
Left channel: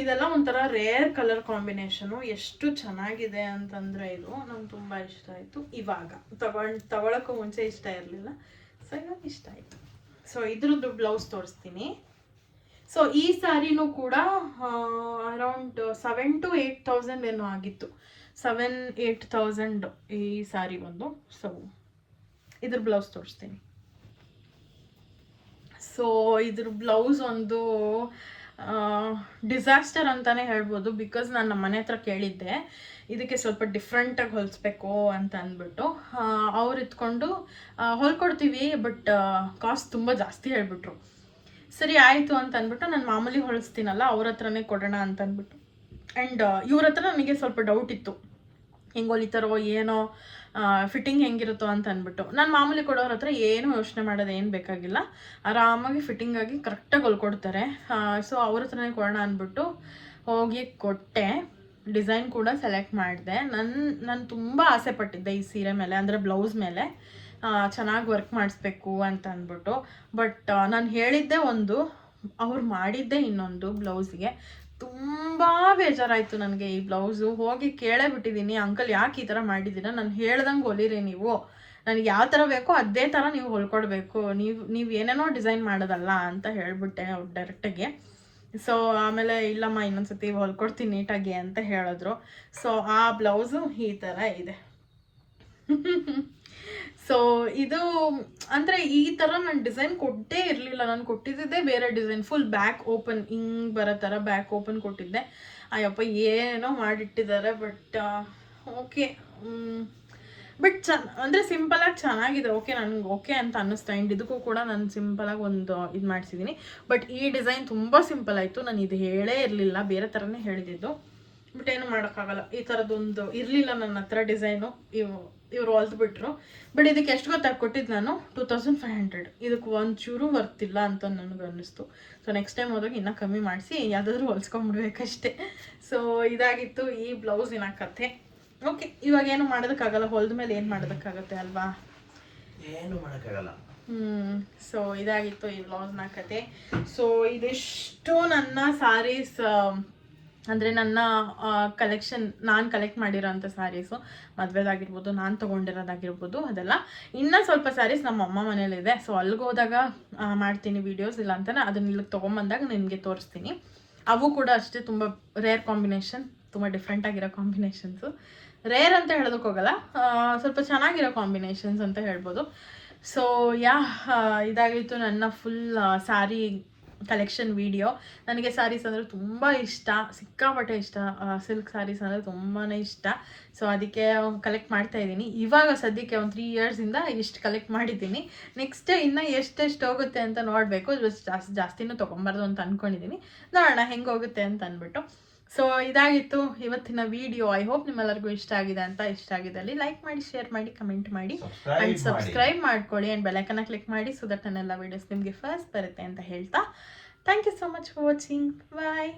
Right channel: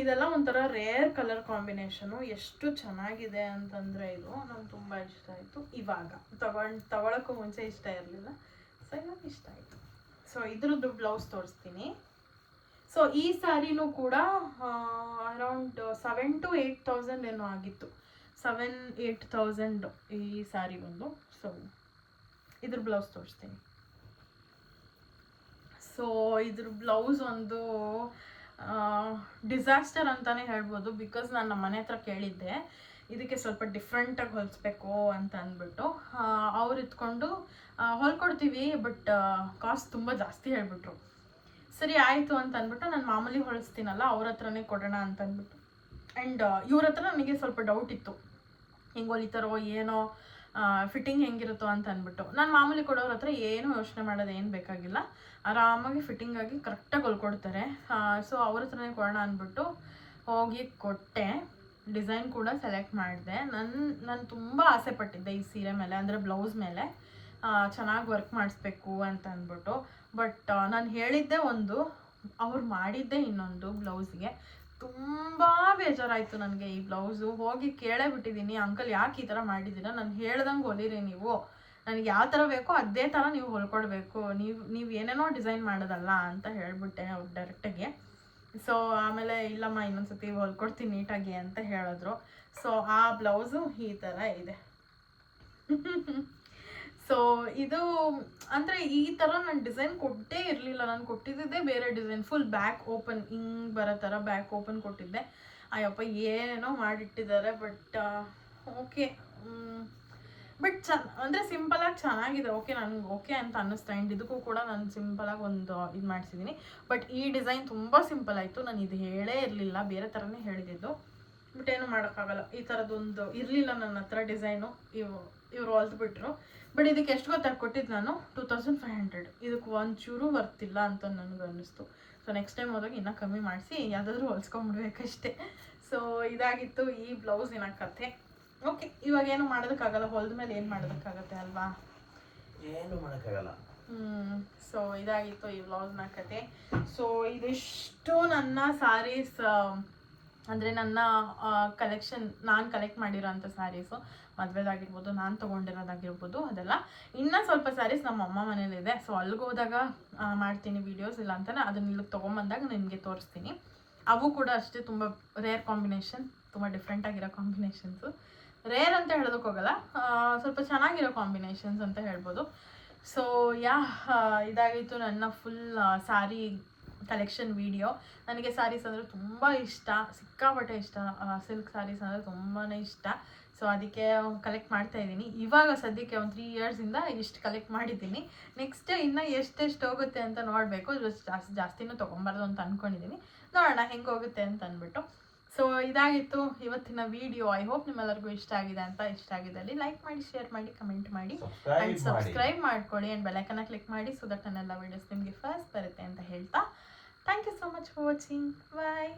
ಇದೆಲ್ಲ ಒಂಥರ ರೇರ್ ಕಲರ್ ಕಾಂಬಿನೇಷನು, ಎಷ್ಟು ಚೆನ್ನಾಗಿದೆ ಅಂತಂದರೆ ಇದು ನಂಗೆ ತುಂಬ ಇಷ್ಟ ಆಯಿತು. ಇವಾಗ ತಗೊಳಕ್ಕೂ ಮುಂಚೆ ಇಷ್ಟ ಇರಲಿಲ್ಲ, ಸೊ ಇವಾಗ ಇಷ್ಟ ಆಯಿತು. ಸೊ ಇದ್ರದ್ದು ಬ್ಲೌಸ್ ತೋರಿಸ್ತೀನಿ. ಸೊ ಈ ಸ್ಯಾರಿನೂ ಕೂಡ ಅರೌಂಡ್ 7,000 to 8,000 ಏನೋ ಆಗಿತ್ತು, 7,000-8,000 ಈ ಸ್ಯಾರಿ ಒಂದು. ಸೊ ಇದ್ರ ಬ್ಲೌಸ್ ತೋರಿಸ್ತೀನಿ. ಸೊ ಇದ್ರ ಬ್ಲೌಸ್ ಒಂದು ಡಿಸಾಸ್ಟರ್ ಅಂತಲೇ ಹೇಳ್ಬೋದು. ಬಿಕಾಸ್ ನಾನು ನಮ್ಮ ಮನೆ ಹತ್ರ ಕೇಳಿದ್ದೆ ಇದಕ್ಕೆ ಸ್ವಲ್ಪ ಡಿಫ್ರೆಂಟಾಗಿ ಹೊಲಿಸ್ಬೇಕು ಅಂತ ಅಂದ್ಬಿಟ್ಟು. ಅವ್ರು ಇತ್ಕೊಂಡು ಹೊಲ್ಕೊಡ್ತೀವಿ, ಬಟ್ ಕಾಸ್ಟ್ ತುಂಬ ಜಾಸ್ತಿ ಹೇಳ್ಬಿಟ್ರು. ಸರಿ ಆಯಿತು ಅಂತ ಅಂದ್ಬಿಟ್ಟು ನಾನು ಮಾಮೂಲಿ ಹೊಲಿಸ್ತೀನಲ್ಲ ಅವ್ರ ಹತ್ರನೇ ಕೊಡೋಣ ಅಂತ ಅಂದ್ಬಿಟ್ಟು. ಆ್ಯಂಡ್ ಇವ್ರ ಹತ್ರ ನನಗೆ ಸ್ವಲ್ಪ ಡೌಟ್ ಇತ್ತು, ಹೆಂಗೆ ಹೊಲಿತಾರೋ ಏನೋ, ಫಿಟ್ಟಿಂಗ್ ಹೆಂಗಿರುತ್ತೋ ಅಂತ ಅಂದ್ಬಿಟ್ಟು. ನಾನು ಮಾಮೂಲಿ ಕೊಡೋರ ಹತ್ರ ಏನೂ ಯೋಚನೆ ಮಾಡೋದು ಏನು ಬೇಕಾಗಿಲ್ಲ, ಆರಾಮಾಗಿ ಫಿಟ್ಟಿಂಗಾಗಿ ಕರೆಕ್ಟಾಗಿ ಹೊಲ್ಕೊಡ್ತಾರೆ. ಸೊ ಅವ್ರ ಹತ್ರನೇ ಕೊಡೋಣ ಅಂದ್ಬಿಟ್ಟು ಹೋಗಿ ಕೊಟ್ಟೆ. ಡಿಸೈನ್ ಕೂಡ ಸೆಲೆಕ್ಟ್ ಮಾಡಿದೆ. ನಾನು ತುಂಬ ಆಸೆ ಪಟ್ಟಿದ್ದೆ ಈ ಸೀರೆ ಮೇಲೆ, ಅಂದರೆ ಬ್ಲೌಸ್ ಮೇಲೆ ಚೆನ್ನಾಗಿ ವರ್ಕ್ ಮಾಡಿಸ್ಬೇಕು ಅಂತ ಅಂದ್ಬಿಟ್ಟು. ಬಟ್ ನಾನು ಹೇಳಿದ್ದೆ ಒಂದು, ಅವ್ರು ಮಾಡಿದ್ದೆ ಇನ್ನೊಂದು ಬ್ಲೌಸ್ಗೆ. ತುಂಬ ಬೇಜಾರಾಯಿತು ನನಗೆ ಈ ಬ್ಲೌಸು. ಹೋಗಿ ಕೇಳೇ ಬಿಟ್ಟಿದ್ದೀನಿ, ಅಂಕಲ್ ಯಾಕೆ ಈ ಥರ ಮಾಡಿದ್ದೀರಾ, ನಾನು ಹೇಳ್ದಂಗೆ ಹೊಲಿರಿ ನೀವು, ನನಗೆ ಯಾವ ಥರ ಬೇಕೋ ಅದೇ ಥರ ನೀವು ಹೊಲ್ಕೊಡ್ಬೇಕು, ನೀವು ಏನೇನೋ ಡಿಸೈನ್ ಮಾಡೋದಲ್ಲ ಅಂತ ಹೇಳಿಬಿಟ್ಟೆ ಅವ್ರು ಡೈರೆಕ್ಟಾಗಿ. ಸೊ ಆಮೇಲೆ ಇಲ್ಲಮ್ಮ ಇನ್ನೊಂದ್ಸತಿ ಹೊಲ್ಕೊಡ್ತೀನಿ ನೀಟಾಗಿ ಅಂತ ಹೇಳಿದ್ರು. ಸೊ ಆ ಬ್ಲೌಸು ಈ ಥರ ಇದೆ. ಸೊ ಇದು ಅಂದರೆ ಈ ಥರ ನಾನು ಡಿಸೈನ್ ಕೊಟ್ಟೇ ಇರಲಿಲ್ಲ, ನಾನು ಕೊಟ್ಟಿದ್ದೆ ಬೇರೆ ಡಿಸೈನ್, ಫುಲ್ ಬ್ಯಾಕ್ ಓಪನ್ ಹಿಂಗೆ ಬರೋ ಥರ ಬ್ಯಾಕ್ ಓಪನ್ ಕೊಟ್ಟಿದ್ದೆ. ಅಯ್ಯಪ್ಪ ಏನೋ ಮಾಡಿಟ್ಟಿದ್ದಾರೆ, ಬಟ್ ಓಕೆ. ಬಟ್ ಅಂದರೆ ಸಿಂಪಲಾಗಿ ಚೆನ್ನಾಗಿದೆ, ಓಕೆ, ನನಗೆ ಓಕೆ ಅಂತ ಅನ್ನಿಸ್ತಾ. ಆ್ಯಂಡ್ ಇದಕ್ಕೂ ಕೂಡ ನಾನು ಸಿಂಪಲಾಗಿ ಒಂದು ಇದು ಮಾಡಿಸಿದ್ದೀನಿ. ಬಟ್ ಈ ಡಿಸೈನ್ ತುಂಬ ಸಿಂಪಲ್ ಆಯಿತು, ನಾನು ಇದು ಹೇಳೇ ಇರಲಿಲ್ಲ, ಬೇರೆ ಥರನೇ ಹೇಳಿದ್ದು. ಬಟ್ ಏನು ಮಾಡೋಕ್ಕಾಗಲ್ಲ, ಈ ಥರದ್ದೊಂದು ಇರಲಿಲ್ಲ ನನ್ನ ಹತ್ರ ಡಿಸೈನು, ಇವ್ರು ಹೊಲ್ದ್ಬಿಟ್ರು. ಬಟ್ ಇದಕ್ಕೆ ಎಷ್ಟು ಗೊತ್ತಾಗಿ ಕೊಟ್ಟಿದ್ದು ನಾನು 2500. ಇದಕ್ಕೆ ಒಂಚೂರು ಬರ್ತಿಲ್ಲ ಅಂತ ನನಗೆ ಅನ್ನಿಸ್ತು. ಸೊ ನೆಕ್ಸ್ಟ್ ಟೈಮ್ ಹೋದಾಗ ಇನ್ನೂ ಕಮ್ಮಿ ಮಾಡಿಸಿ ಯಾವುದಾದ್ರೂ ಹೊಲ್ಸ್ಕೊಂಡ್ಬಿಡ್ಬೇಕಷ್ಟೇ. ಸೊ ಇದಾಗಿತ್ತು ಈ ಬ್ಲೌಸಿನ ಕಥೆ. ಓಕೆ, ಇವಾಗ ಏನು ಮಾಡೋದಕ್ಕಾಗಲ್ಲ, ಹೊಲ್ದ ಮೇಲೆ ಏನು ಮಾಡೋದಕ್ಕಾಗತ್ತೆ ಅಲ್ವಾ, ಏನು ಮಾಡೋಕ್ಕಾಗಲ್ಲ. ಸೊ ಇದಾಗಿತ್ತು ಈ ಬ್ಲೌಸ್ನ ಕತೆ. ಸೊ ಇದಿಷ್ಟು ನನ್ನ ಸಾರೀಸ್, ಅಂದರೆ ನನ್ನ ಕಲೆಕ್ಷನ್, ನಾನು ಕಲೆಕ್ಟ್ ಮಾಡಿರೋಂಥ ಸ್ಯಾರೀಸು, ಮದುವೆದಾಗಿರ್ಬೋದು, ನಾನು ತೊಗೊಂಡಿರೋದಾಗಿರ್ಬೋದು, ಅದೆಲ್ಲ. ಇನ್ನೂ ಸ್ವಲ್ಪ ಸ್ಯಾರೀಸ್ ನಮ್ಮ ಅಮ್ಮ ಮನೇಲಿದೆ. ಸೊ ಅಲ್ಲಿಗೆ ಹೋದಾಗ ಮಾಡ್ತೀನಿ ವೀಡಿಯೋಸ್, ಇಲ್ಲ ಅಂತಾನೆ ಅದನ್ನ ಇಲ್ಲಿಗೆ ತೊಗೊಂಬಂದಾಗ ನಿಮಗೆ ತೋರಿಸ್ತೀನಿ. ಅವು ಕೂಡ ಅಷ್ಟೇ ತುಂಬ ರೇರ್ ಕಾಂಬಿನೇಷನ್, ತುಂಬ ಡಿಫ್ರೆಂಟಾಗಿರೋ ಕಾಂಬಿನೇಷನ್ಸು. ರೇರ್ ಅಂತ ಹೇಳೋದಕ್ಕೆ ಹೋಗಲ್ಲ, ಸ್ವಲ್ಪ ಚೆನ್ನಾಗಿರೋ ಕಾಂಬಿನೇಷನ್ಸ್ ಅಂತ ಹೇಳ್ಬೋದು. ಸೊ ಇದಾಗಿತ್ತು ನನ್ನ ಫುಲ್ ಸ್ಯಾರಿ ಕಲೆಕ್ಷನ್ ವಿಡಿಯೋ. ನನಗೆ ಸ್ಯಾರೀಸ್ ಅಂದರೆ ತುಂಬ ಇಷ್ಟ, ಸಿಕ್ಕಾಪಟ್ಟೆ ಇಷ್ಟ, ಸಿಲ್ಕ್ ಸ್ಯಾರೀಸ್ ಅಂದರೆ ತುಂಬಾ ಇಷ್ಟ. ಸೊ ಅದಕ್ಕೆ ಕಲೆಕ್ಟ್ ಮಾಡ್ತಾ ಇದ್ದೀನಿ. ಇವಾಗ ಸದ್ಯಕ್ಕೆ ಒಂದು 3 ಇಯರ್ಸಿಂದ ಇಷ್ಟು ಕಲೆಕ್ಟ್ ಮಾಡಿದ್ದೀನಿ. ನೆಕ್ಸ್ಟ್ ಇನ್ನೂ ಎಷ್ಟೆಷ್ಟು ಹೋಗುತ್ತೆ ಅಂತ ನೋಡಬೇಕು. ಜಾಸ್ತಿನೂ ತೊಗೊಬಾರ್ದು ಅಂತ ಅಂದ್ಕೊಂಡಿದ್ದೀನಿ, ನೋಡೋಣ ಹೆಂಗೆ ಹೋಗುತ್ತೆ ಅಂತ ಅಂದ್ಬಿಟ್ಟು. ಸೊ ಇದಾಗಿತ್ತು ಇವತ್ತಿನ ವಿಡಿಯೋ. ಐ ಹೋಪ್ ನಿಮ್ಮೆಲ್ಲರಿಗೂ ಇಷ್ಟ ಆಗಿದೆ ಅಂತ. ಇಷ್ಟ ಆಗಿದ್ದಲ್ಲಿ ಲೈಕ್ ಮಾಡಿ, ಶೇರ್ ಮಾಡಿ, ಕಮೆಂಟ್ ಮಾಡಿ, ಆ್ಯಂಡ್ ಸಬ್ಸ್ಕ್ರೈಬ್ ಮಾಡ್ಕೊಳ್ಳಿ, ಆ್ಯಂಡ್ ಬೆಲೈಕನ್ನ ಕ್ಲಿಕ್ ಮಾಡಿ, ಸೊ ದಟ್ ನನ್ನೆಲ್ಲ ವೀಡಿಯೋಸ್ ನಿಮಗೆ ಫಸ್ಟ್ ಬರುತ್ತೆ ಅಂತ ಹೇಳ್ತಾ, thank you so much for watching. Bye.